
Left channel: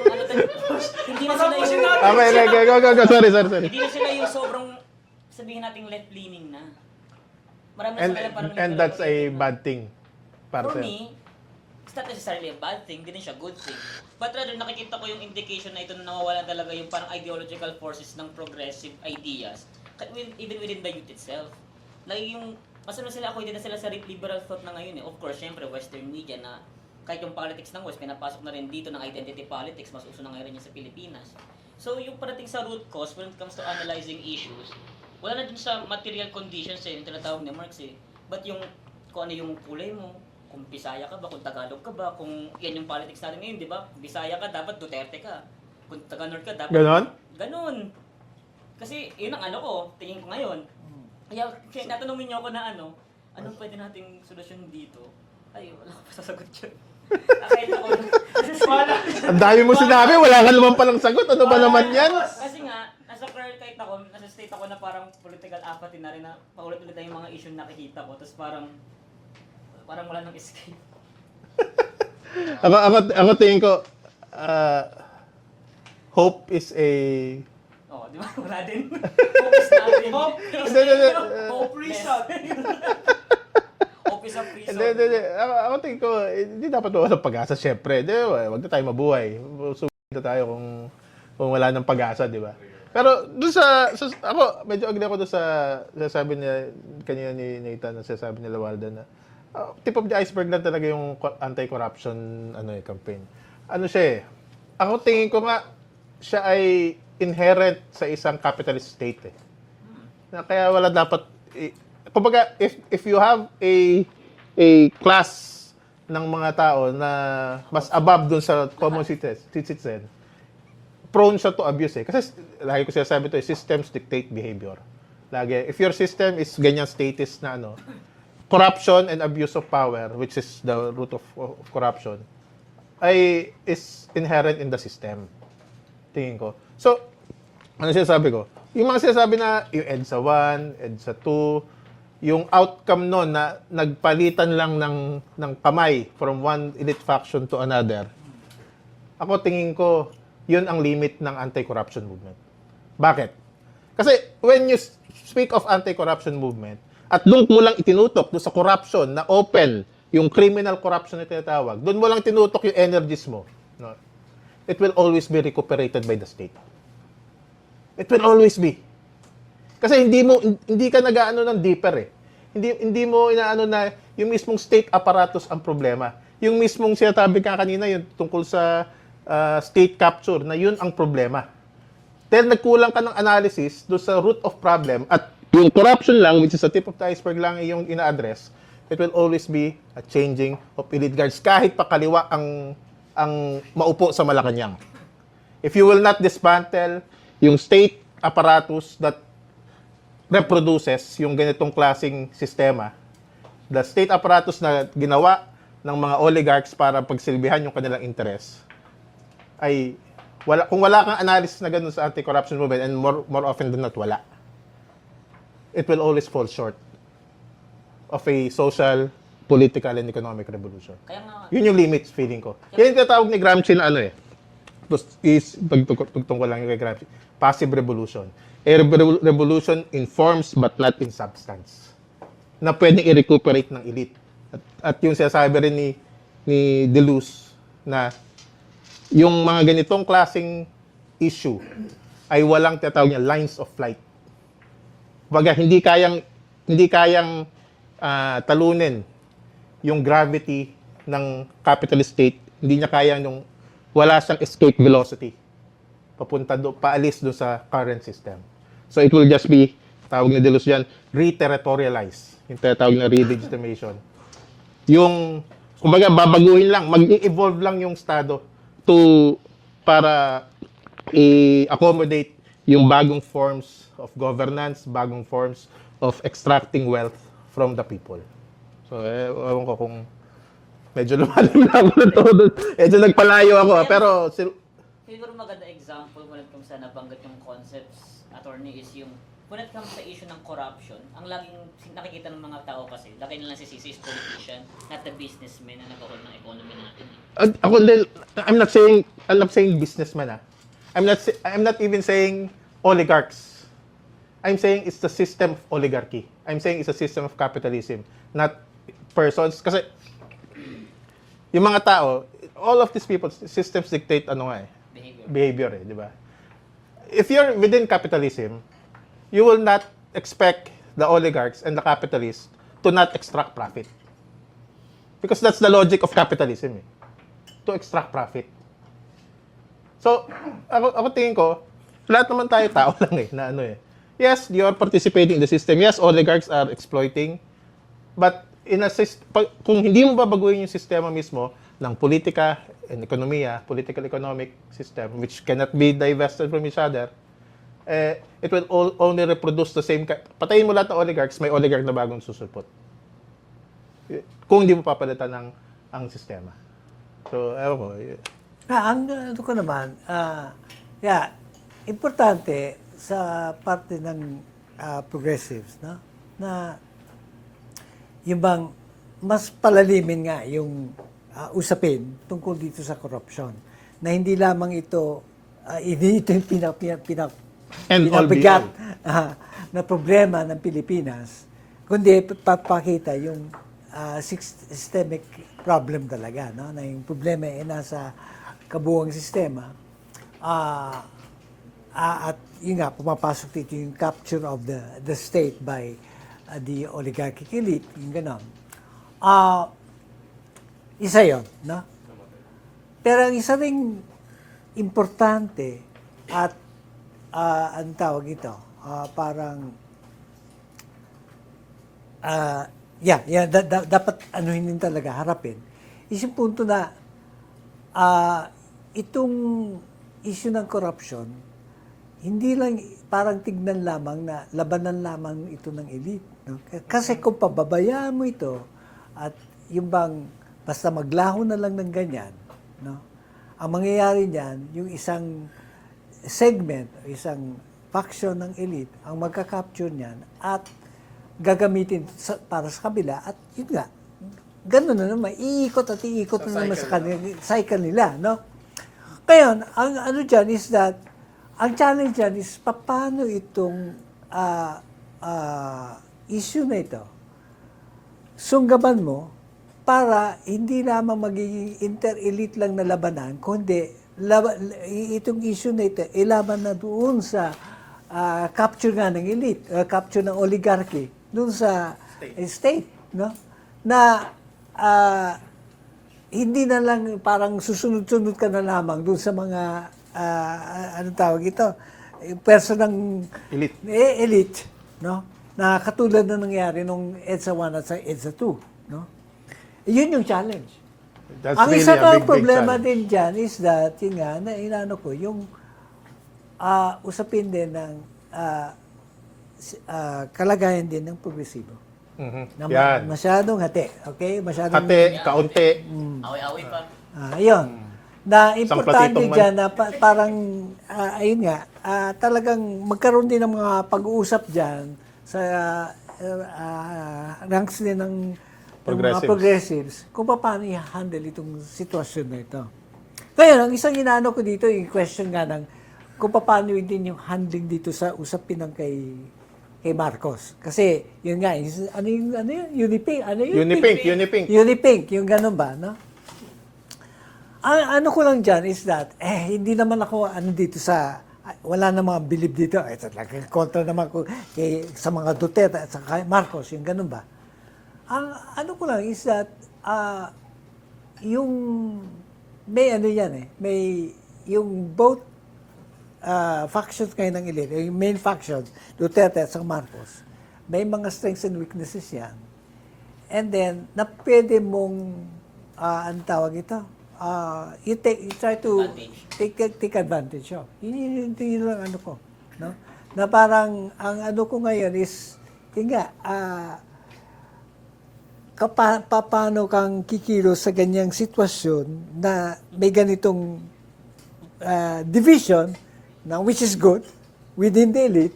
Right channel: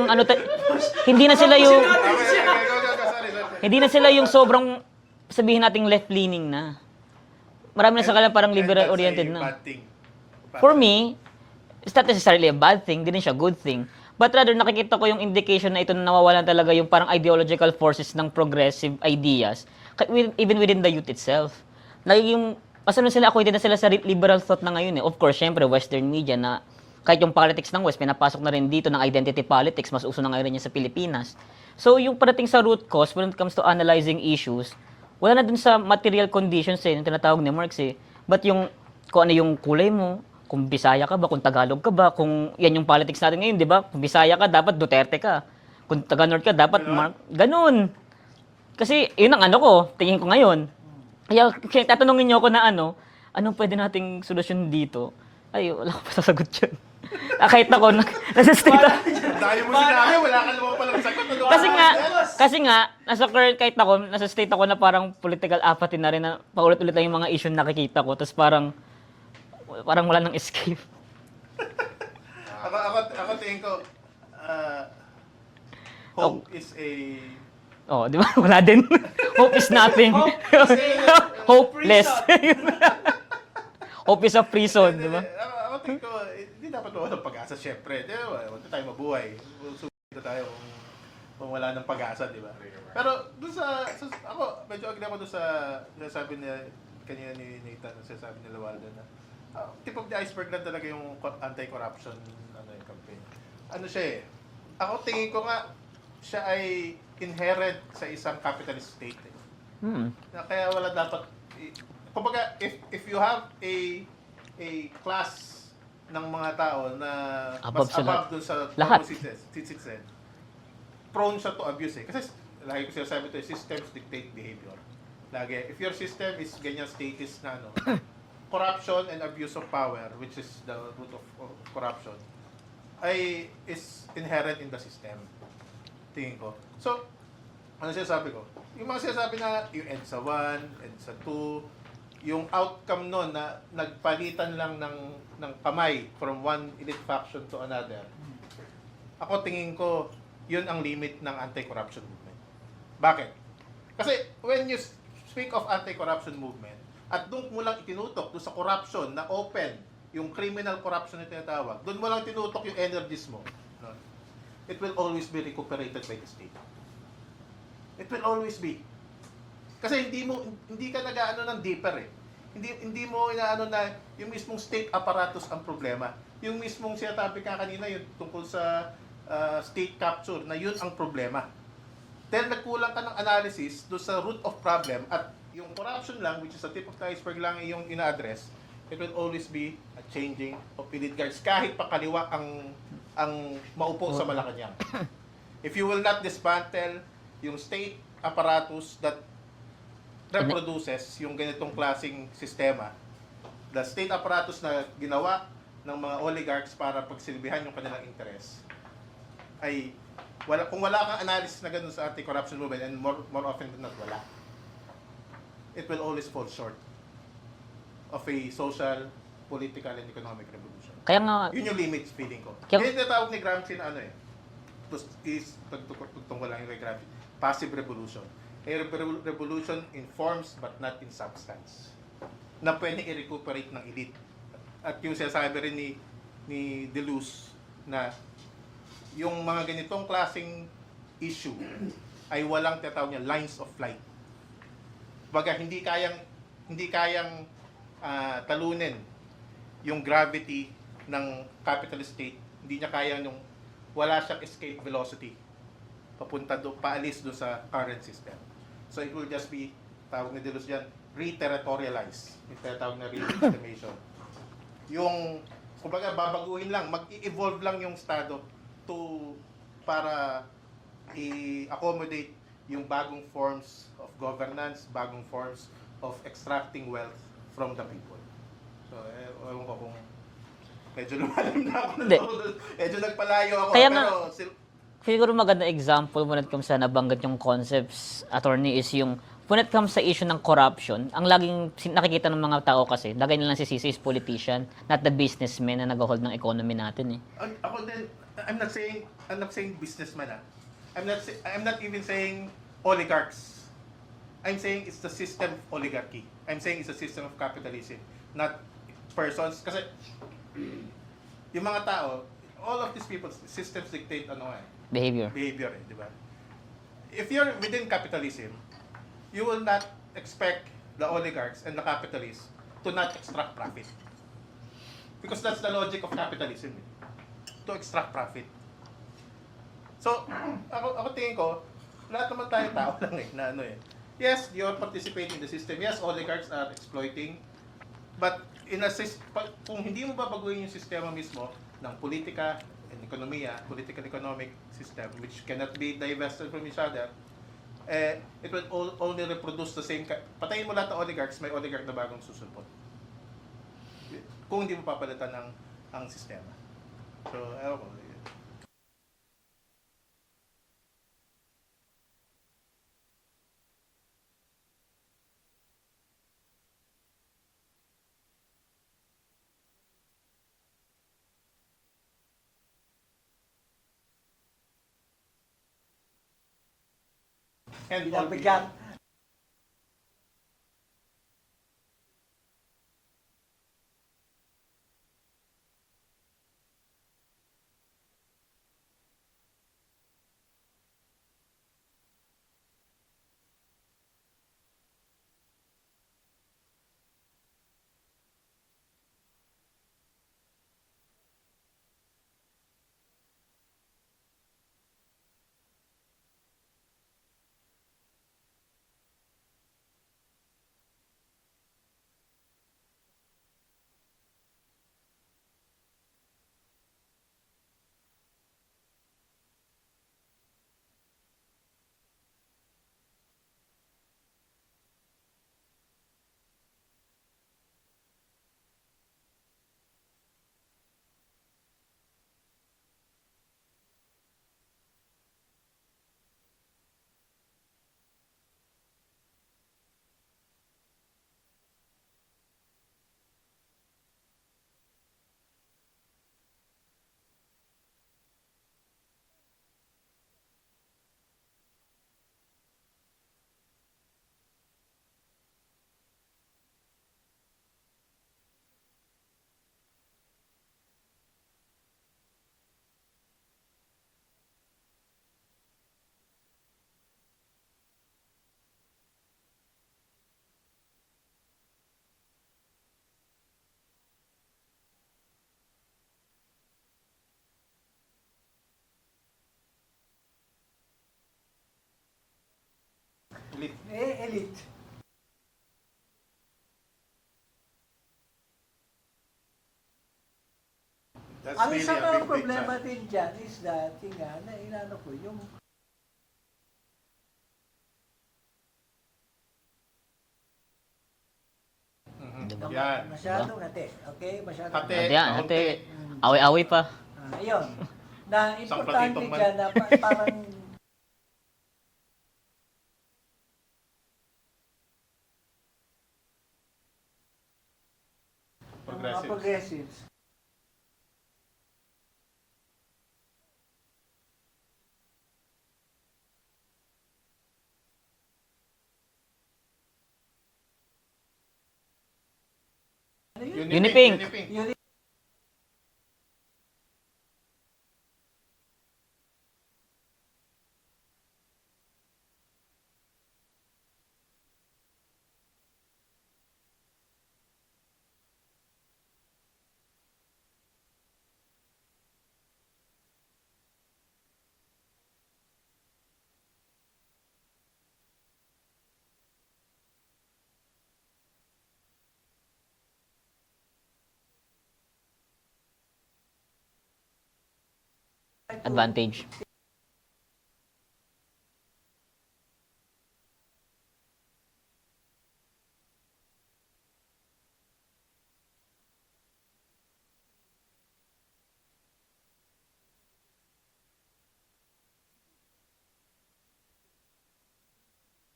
hindi na sila yung Okay, go. Sorry. hindi na sila yung sobrang sabihin nating left-leaning na. Marami na sa kanila parang liberal-oriented and that's a na. bad thing. Para For sa'yo. me, it's not necessarily a bad thing, hindi rin siya good thing. But rather, nakikita ko yung indication na ito na nawawalan talaga yung parang ideological forces ng progressive ideas, even within the youth itself. Yung, basta nun sila, acquainted na sila sa liberal thought na ngayon eh. Of course, syempre, Western media na kahit yung politics ng West, pinapasok na rin dito ng identity politics, mas uso na ngayon yan sa Pilipinas. So, yung parating sa root cause, when it comes to analyzing issues, wala na dun sa material conditions eh, yung tinatawag ni Marx eh. But yung, kung ano yung kulay mo, kung Bisaya ka ba, kung Tagalog ka ba, kung yan yung politics natin ngayon, di ba? Kung Bisaya ka, dapat Duterte ka. Kung Taga-North ka, dapat Ganon? Ganun. Kasi, yun ang ano ko, tingin ko ngayon. Kaya, tatanungin niyo ako na anong pwede nating solusyon dito? Ay, wala ko pa sasagot yun. Kahit ako, nasa-state Ang dami mo sinabi, wala ka naman palang sagot. Ano ba naman yan? Kasi nga, kahit ako, nasa state ako na parang political apathy na rin, na paulit-ulit lang yung mga issue na nakikita ko, tapos parang wala nang escape. Ako tingin ko, hope is a... Oh, di ba? Wala din. Hope is nothing. Hopeless. Hope is a prison. Hindi, di ba? Ako tingin ko, hindi dapat walang pag-asa, syempre. Di ba? Huwag na tayo mabuhay. Sugita tayo kung wala ng pag-asa, di ba? Pero doon ako, medyo agree ako doon sa sabi niya, kanina ni Nathan, na sabi ni Walden na, tip of the iceberg lang talaga yung anti-corruption campaign. Ano siya eh? Ako tingin ko nga, siya ay inherent sa isang capitalist state eh. Na kaya wala dapat kumbaga if you have a class ng mga tao na mas above dun sa common citizen, prone siya to abuse eh. Kasi lagi ko sinasabi to, systems dictate behavior. Lagi, if your system is ganyan status na corruption and abuse of power, which is the root of corruption, is inherent in the system. Tingin ko. So, ano sinasabi ko? Yung mga sinasabi na yung EDSA 1, EDSA 2, yung outcome nun na nagpalitan lang ng kamay from one elite faction to another, ako tingin ko, yun ang limit ng anti-corruption movement. Bakit? Kasi when you speak of anti-corruption movement, at doon mo lang itinutok doon sa corruption na open, yung criminal corruption na tinatawag, doon mo lang tinutok yung energies mo. No? It will always be recuperated by the state. It will always be. Kasi hindi ka nag-aano ng deeper eh. Hindi mo inaano na yung mismong state apparatus ang problema. Yung mismong sinasabi ka kanina, yung tungkol sa state capture, na yun ang problema. Dahil nagkulang ka ng analysis doon sa root of problem at yung corruption lang, which is the tip of the iceberg lang yung ina-address, it will always be a changing of elite guards. Kahit pa kaliwa ang ang maupo sa Malacanang. If you will not dismantle yung state apparatus that reproduces yung ganitong klaseng sistema, the state apparatus na ginawa ng mga oligarchs para pagsilbihan yung kanilang interes, ay kung wala kang analysis na ganun sa anti-corruption movement, and more often than not, wala, it will always fall short of a social, political, and economic revolution. Kaya nga, Yun yung limits, feeling ko. Kaya- Yan yung tinatawag ni Gramsci na ano eh. Pagtungkol lang yung kay Gramsci. Passive revolution. A revolution in forms but not in substance. Na pwedeng i-recuperate ng elite. At yung sinasabi rin ni Deleuze na yung mga ganitong klaseng issue ay walang tinatawag niya lines of flight. Baga, hindi kayang talunin yung gravity ng capitalist state, hindi niya kaya wala siyang escape velocity paalis do sa current system. So it will just be, tawag ni Deleuze yan, re-territorialize, yung tinatawag na re-legitimation. Yung, kumbaga, babaguhin lang, mag-evolve lang yung Estado para i-accommodate yung bagong forms of governance, bagong forms of extracting wealth from the people. So, ewan ko kung medyo lumalim lang ako na todo. Medyo nagpalayo ako. Kaya Pero, siguro maganda example when it comes sa nabanggit yung concepts, attorney, is yung when it comes sa issue ng corruption, ang laging nakikita ng mga tao kasi, lagay nilang si Sisi is politician, not the businessman na nag-hold ng economy natin eh. ako din, I'm not saying businessman ah. I'm not even saying oligarchs. I'm saying it's the system of oligarchy. I'm saying it's a system of capitalism, not persons. Kasi, yung mga tao, all of these people, systems dictate Behavior. di ba? If you're within capitalism, you will not expect the oligarchs and the capitalists to not extract profit. Because that's the logic of capitalism, to extract profit. So, ako tingin ko, lahat naman tayo tao lang na Yes, you're participating in the system. Yes, oligarchs are exploiting. But kung hindi mo babaguhin yung sistema mismo ng politika and ekonomiya, political-economic system, which cannot be divested from each other, it will only reproduce the same. Patayin mo lahat ng oligarchs, may oligarch na bagong susulpot. Kung hindi mo papalitan ang sistema. So, ewan ko. Ano ko naman, importante sa parte ng progressives, no? Na yung bang mas palalimin nga yung usapin tungkol dito sa corruption. Na hindi lamang ito yung And all be pinabigat all. na problema ng Pilipinas, kundi papakita yung systemic problem talaga, no? Na yung problema ay nasa kabuuang sistema. At yun nga, pumapasok dito yung capture of the state by the oligarchic elite, yung gano'n. Isa yon, no? Pero ang isa ring importante at ang tawag ito, parang dapat anuhin din talaga, harapin, is yung punto na itong issue ng corruption, hindi lang parang tignan lamang na labanan lamang ito ng elite. No? Kasi kung pababayaan mo ito at yung bang basta maglaho na lang ng ganyan, no? Ang mangyayari niyan, yung isang segment, isang faction ng elite, ang magka-capture niyan at gagamitin para sa kabila at yun nga, gano'n na naman, iikot at iikot na naman sa kanila, cycle nila, no? Ngayon, ang ano dyan is that, ang challenge dyan is paano itong issue na ito sunggaban mo para hindi lamang magiging inter-elite lang na labanan, kundi itong issue na ito, ilaban na doon sa capture nga ng elite, capture ng oligarchy, doon sa state, no? Na hindi na lang parang susunod-sunod ka na lamang doon sa mga anong tawag ito, person ng elite, no? Na katulad na nangyari nung EDSA 1 at sa EDSA 2, no? Yun yung challenge. That's Ang really isa a pang big problema challenge. din dyan is that, yun nga, na inaano ko, yung usapin din ng kalagayan din ng progresibo. Mhm. Na Yan. masyadong hati, okay? Masyadong Hati, Yan, kaunti. Away-away pa. Ayun. Na Isang importante platitong dyan na parang, ayun nga, talagang magkaroon din ng mga pag-uusap dyan sa ranks din ng mga progressives kung paano i-handle itong sitwasyon na ito. Ngayon, ang isang inaano ko dito, yung question nga ng kung paano din yung handling dito sa usapin ng kay Marcos. Kasi, yun nga, ano yun? Unipink? Ano yun? Unipink. Unipink, yung ganun ba, no? Ang ano ko lang dyan is that, hindi naman ako dito sa, wala na mga believe dito. Talaga, kontra naman ko sa mga Duterte at sa kay Marcos, yung ganun ba? Ang ano ko lang is that, yung, may ano yan may, yung both factions kayo ng elite, yung main factions, Duterte at sa Marcos, may mga strengths and weaknesses yan. And then, na pwede mong, ano tawag ito? You try to Advantage. take advantage of. Yun lang ano ko. No? Na parang, ang ano ko ngayon is, yun nga, paano kang kikilos sa ganyang sitwasyon na may ganitong division, na which is good, within the elite,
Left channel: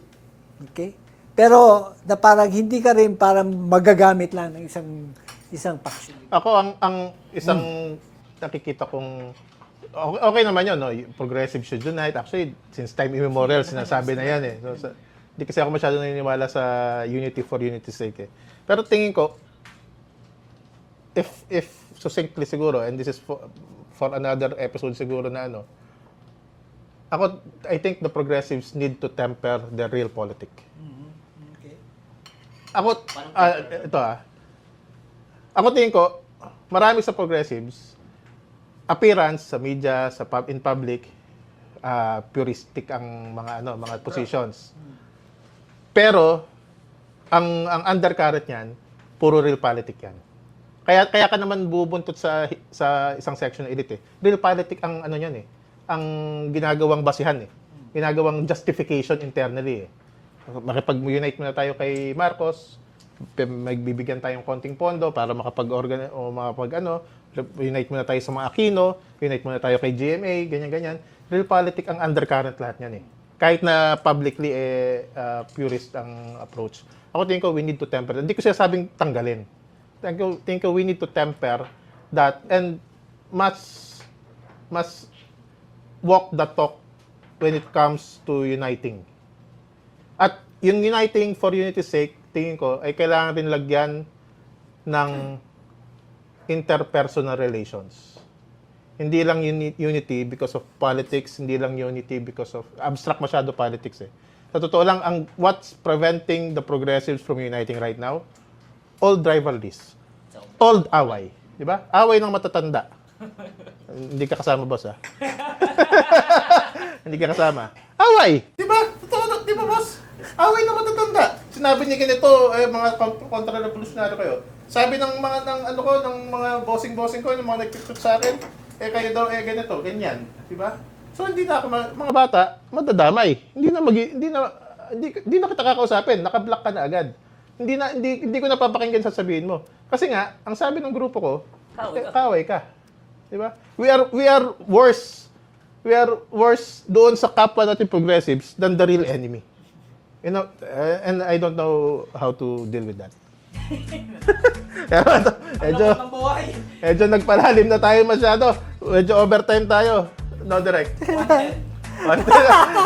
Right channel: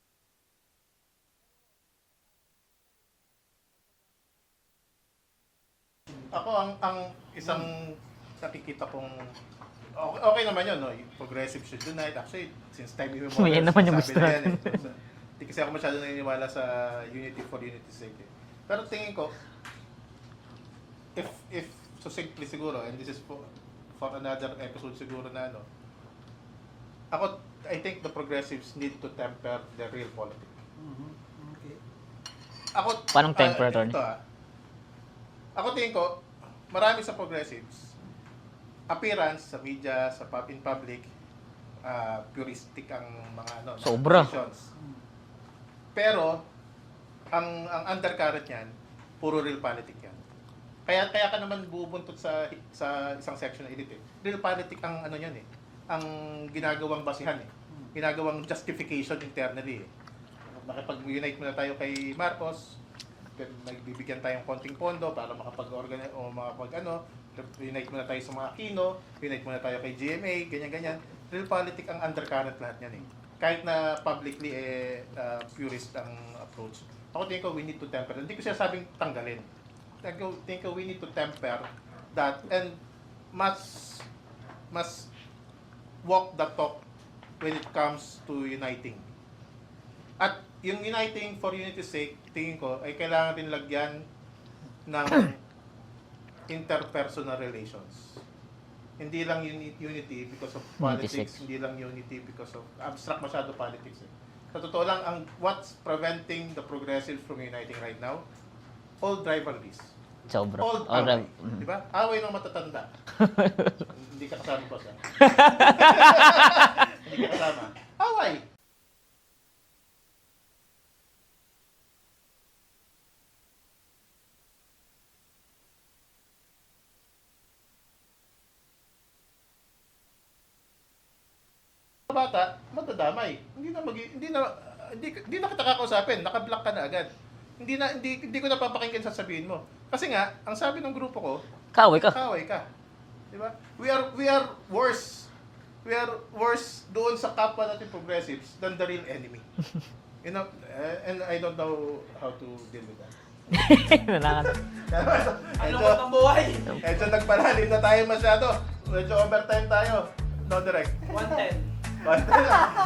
okay? Pero na parang hindi ka rin parang magagamit lang ng isang faction. Ako, ang isang nakikita kong okay naman yun, no? Progressive should unite. Actually, since time immemorial, Yan naman yung sinasabi na yan eh. So, hindi kasi ako masyado naniniwala sa unity for unity's sake eh. Pero tingin ko, if succinctly siguro, and this is for another episode siguro na ano, I think the progressives need to temper the real politic. Ako, Paano temper, Tony? ito ako tingin ko, marami sa progressives, appearance sa media, in public, puristic ang mga Sobra. positions. Pero ang undercurrent niyan, puro real politic yan. Kaya ka naman bubuntot sa isang section ng elite eh. Real politic ang ano niyan eh. Ang ginagawang basihan eh. Ginagawang justification internally eh. Makipag-unite muna tayo kay Marcos, magbibigyan tayong konting pondo para unite muna tayo sa mga Aquino, unite muna tayo kay GMA, ganyan-ganyan. Real politic ang undercurrent lahat yan eh. Kahit na publicly purist ang approach. Ako tingin ko we need to temper. Hindi ko sinasabing tanggalin. Tingin ko we need to temper that and must walk the talk when it comes to uniting. At yung uniting for unity's sake, tingin ko, ay kailangan rin lagyan ng interpersonal relations. Hindi lang unity because of politics, hindi lang unity because of abstract masyado politics eh. Sa totoo lang, what's preventing the progressives from uniting right now? Old rivalries. Sobra. Old away. Di ba? Away ng matatanda. Hindi ka kasama, boss, ha? Hindi ka kasama. Away! Di ba? Totoo, di ba, boss? Away ng matatanda. Sinabi niya ganito, mga kontra-revolutionary kayo. Sabi ng mga bossing-bossing ko, ng mga nag-tweet sa akin, kayo daw, ganito, ganyan. Di ba? So, hindi na ako, mga bata, madadamay. Hindi na kita kakausapin. Naka-block ka na agad. Hindi ko napapakinggan sasabihin mo. Kasi nga, ang sabi ng grupo ko, kaway ka. Di ba? We are worse. We are worse doon sa kapwa natin progressives than the real enemy. You know, and I don't know how to deal with that. Medyo nagpalalim na tayo masyado. Medyo overtime tayo. No, direct.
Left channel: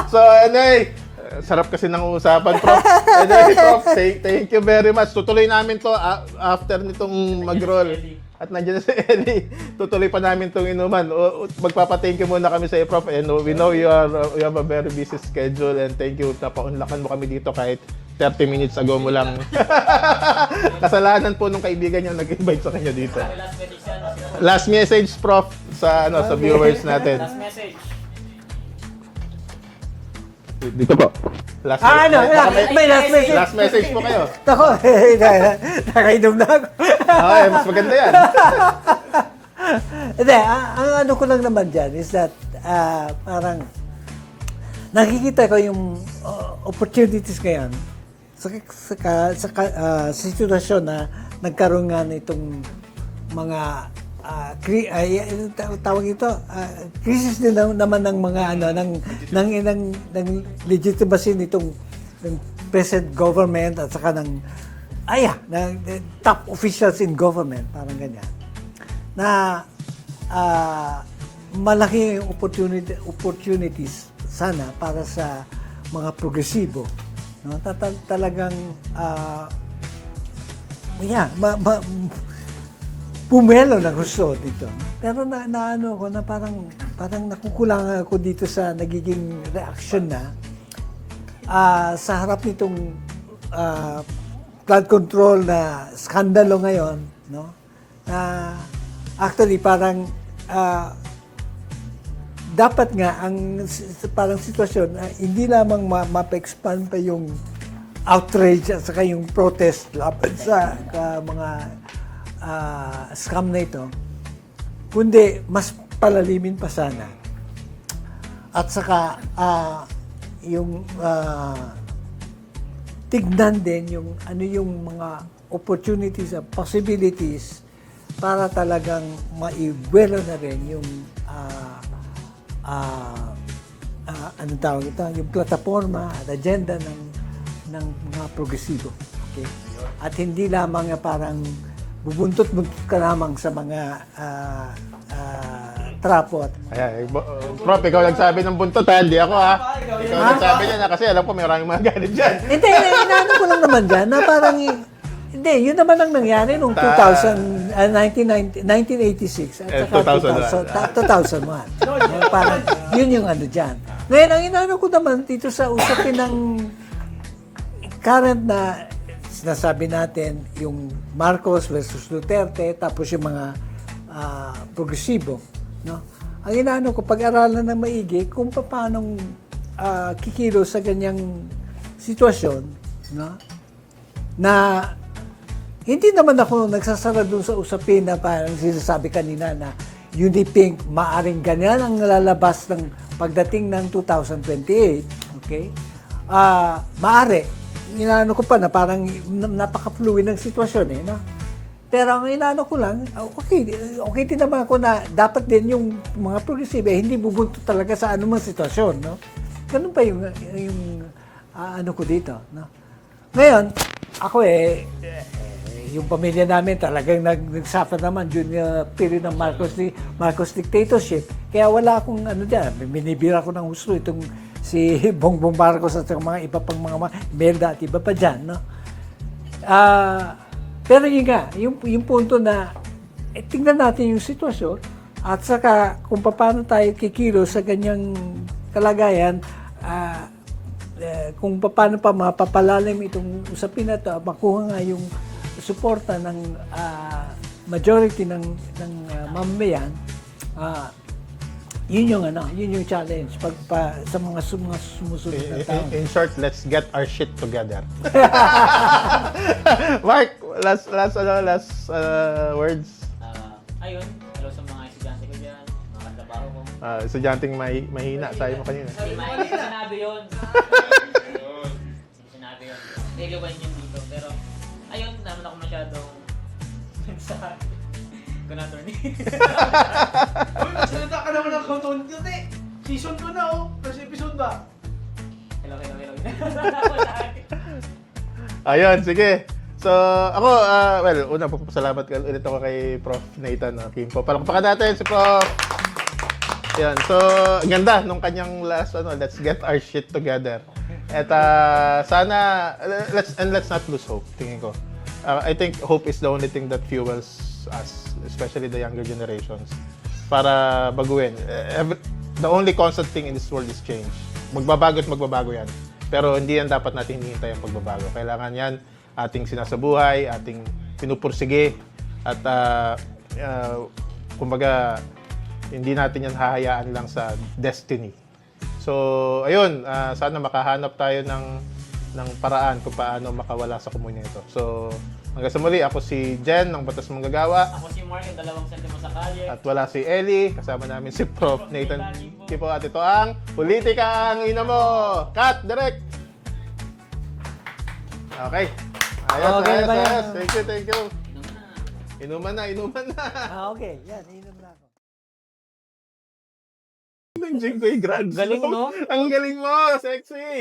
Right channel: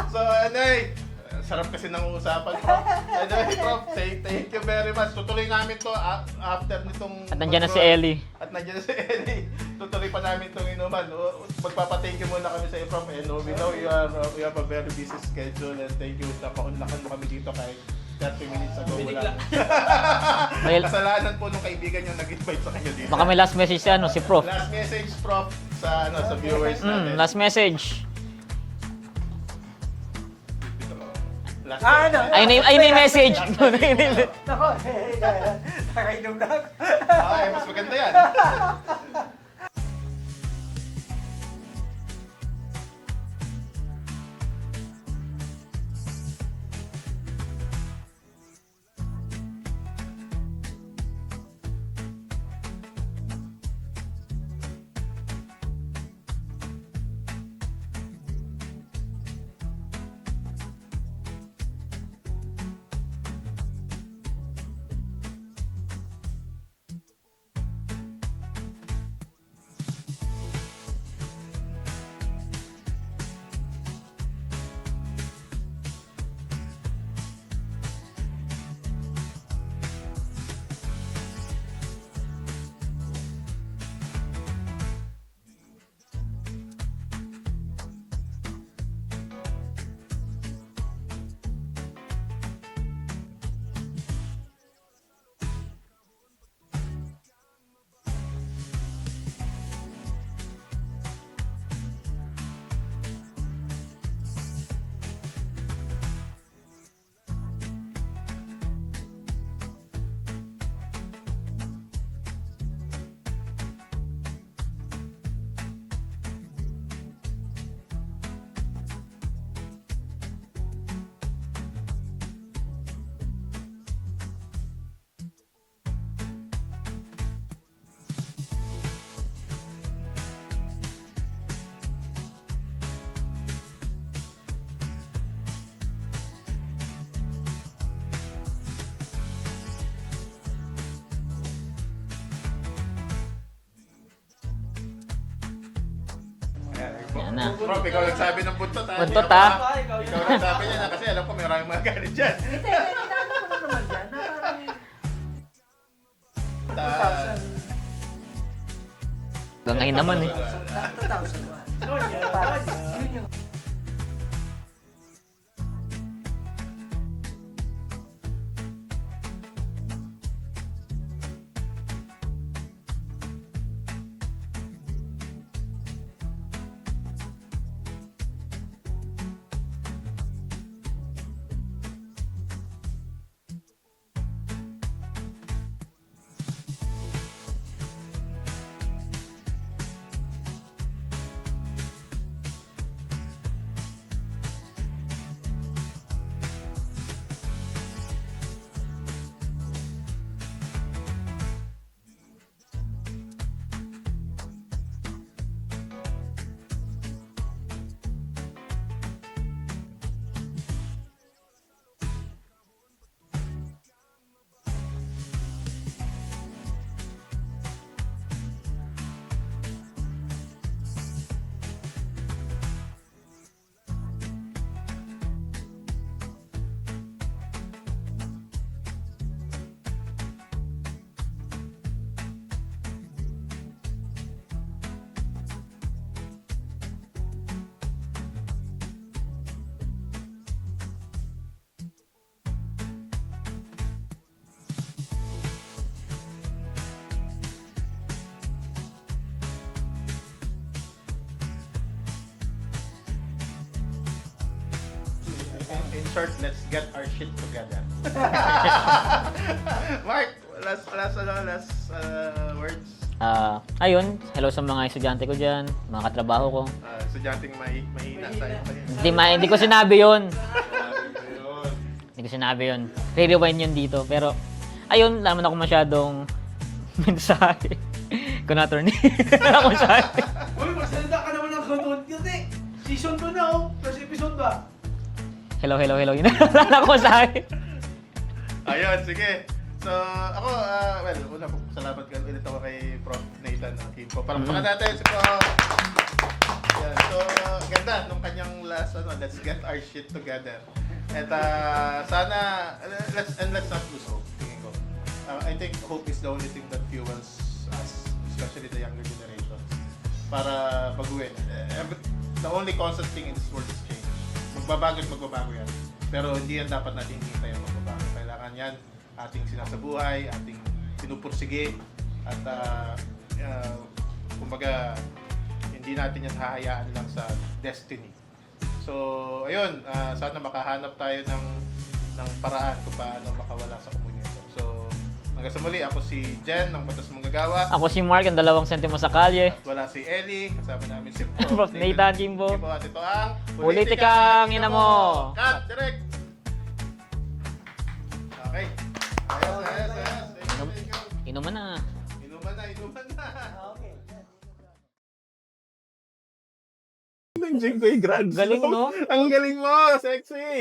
So, anyway, sarap kasi ng usapan, Prof. Anyway, Prof, thank you very much. Tutuloy namin to after nitong Nandiyan na si Ellie. At nandiyan na si Ellie. Tutuloy pa namin itong inuman. Magpapa-thank you muna kami sa iyo, Prof. And we know you have a very busy schedule and thank you. Napaunlakan mo kami dito kahit 30 minutes ago mo lang. Kasalanan po nung kaibigan niyo nag-invite sa kanya dito. Baka may last message si Prof. Last message, Prof, sa viewers natin. Last message. Dito po. Last May message. Last message po kayo. Ako, nakainom na ako. Okay, mas maganda yan. Hindi, ang ano ko lang naman dyan is that parang nakikita ko yung opportunities ngayon sa sitwasyon na nagkaroon nga nitong mga tawag ito, crisis din naman ng mga ano ng legitimacy nitong ng present government at saka ng top officials in government, parang ganyan. Na malaki yung opportunities sana para sa mga progresibo. No? Talagang pumelo na gusto dito. Pero naano ko na parang nakukulangan ako dito sa nagiging reaction na sa harap nitong flood control na skandalo ngayon, no? Actually parang dapat nga ang parang sitwasyon hindi lamang mapa-expand pa yung outrage at saka yung protest laban sa mga scam na ito, kundi mas palalimin pa sana. At saka yung tignan din yung ano yung mga opportunities at possibilities para talagang maibuelo na rin yung anong tawag ito, yung plataforma at agenda ng mga progresibo. Okay? At hindi lamang parang bubuntot-buntot ka lamang sa mga trapo. Ayan, Prof, ikaw nagsabi ng buntot ha, hindi ako ha. Ikaw nagsabi niya na kasi alam ko maraming mga galit dyan. Hindi, inaano ko lang naman dyan na parang, hindi, yun naman ang nangyari noong 1986. 2001. Parang, yun yung ano dyan. Ngayon, ang inaano ko naman dito sa usapin ng current na sinasabi natin, yung Marcos versus Duterte, tapos yung mga progresibo. No? Ang inaano ko, pag-aralan na maigi kung paano kikilos sa ganyang sitwasyon, no? Na hindi naman ako nagsasara doon sa usapin na parang sinasabi kanina na Unipink, maaring ganyan ang lalabas ng pagdating ng 2028. Okay? Maari. Inaano ko pa na parang napaka-fluid ng sitwasyon eh. No? Pero ang inaano ko lang, okay din naman ako na dapat din yung mga progresibe hindi bubunto talaga sa anumang sitwasyon. No? Ganun pa yung ano ko dito. No? Ngayon, ako yung pamilya namin talagang nagsuffer naman during period ng Marcos dictatorship. Kaya wala akong ano dyan, binibira ko ng husto itong si Bongbong Marcos at mga iba pang mga Merda at iba pa dyan. No? Pero yun nga, yung punto na tingnan natin yung sitwasyon at saka kung paano tayo kikilos sa ganyang kalagayan, kung paano pa mapapalalim itong usapin na ito, makuha nga yung suporta ng majority ng mamamayan, yun yung challenge sa mga sumusunod na tao. In short, let's get our shit together. Mark, last words. Ayun, hello sa mga estudyante ko dyan, mga katrabaho ko. Estudyanteng mahina tayo kanina. Hindi ko sinabi yun. Hindi ko sinabi yun. Re-rewind yun dito. Pero, ayun, wala naman ako masyadong mensahe. Kung attorney. Wala akong mensahe. Salita ka naman ng content eh. Season 2 na oh. First episode ba? Hello. Yun na wala akong mensahe. Ayun, sige. So, ako, una po, salamat ulit ako kay Prof. Nathan Quimpo. Palakpakan natin si Prof. Yan. So, ang ganda nung kanyang last, let's get our shit together. At sana, let's not lose hope, tingin ko. I think hope is the only thing that fuels us, especially the younger generations, para baguhin. The only constant thing in this world is change. Magbabago at magbabago yan. Pero hindi yan dapat natin hinihintay ang magbabago. Kailangan yan ating sinasabuhay, ating pinupursige, at kumbaga, hindi natin yan hahayaan lang sa destiny. So, ayun, sana makahanap tayo ng paraan kung paano makawala sa komunya ito. So, hanggang Hanggang sa muli, ako si Jen ng Batas Manggagawa. Ako si Mark, ang 2 sentimo sa kalye. At wala si Ellie, kasama namin si Prof. Prof. Nathan Jimbo. Sipo at ito ang Politika, Politika Ina Ina Mo. Mo! Cut! Direct! Okay. Ayos, Okay, ayos, ba yan? ayos. Thank you, thank you. Inuman na. Inuman na, inuman na. Okay, yan, inom na ako. Ang Jing ko yung grand Galing, slam. no? Ang galing mo, sexy!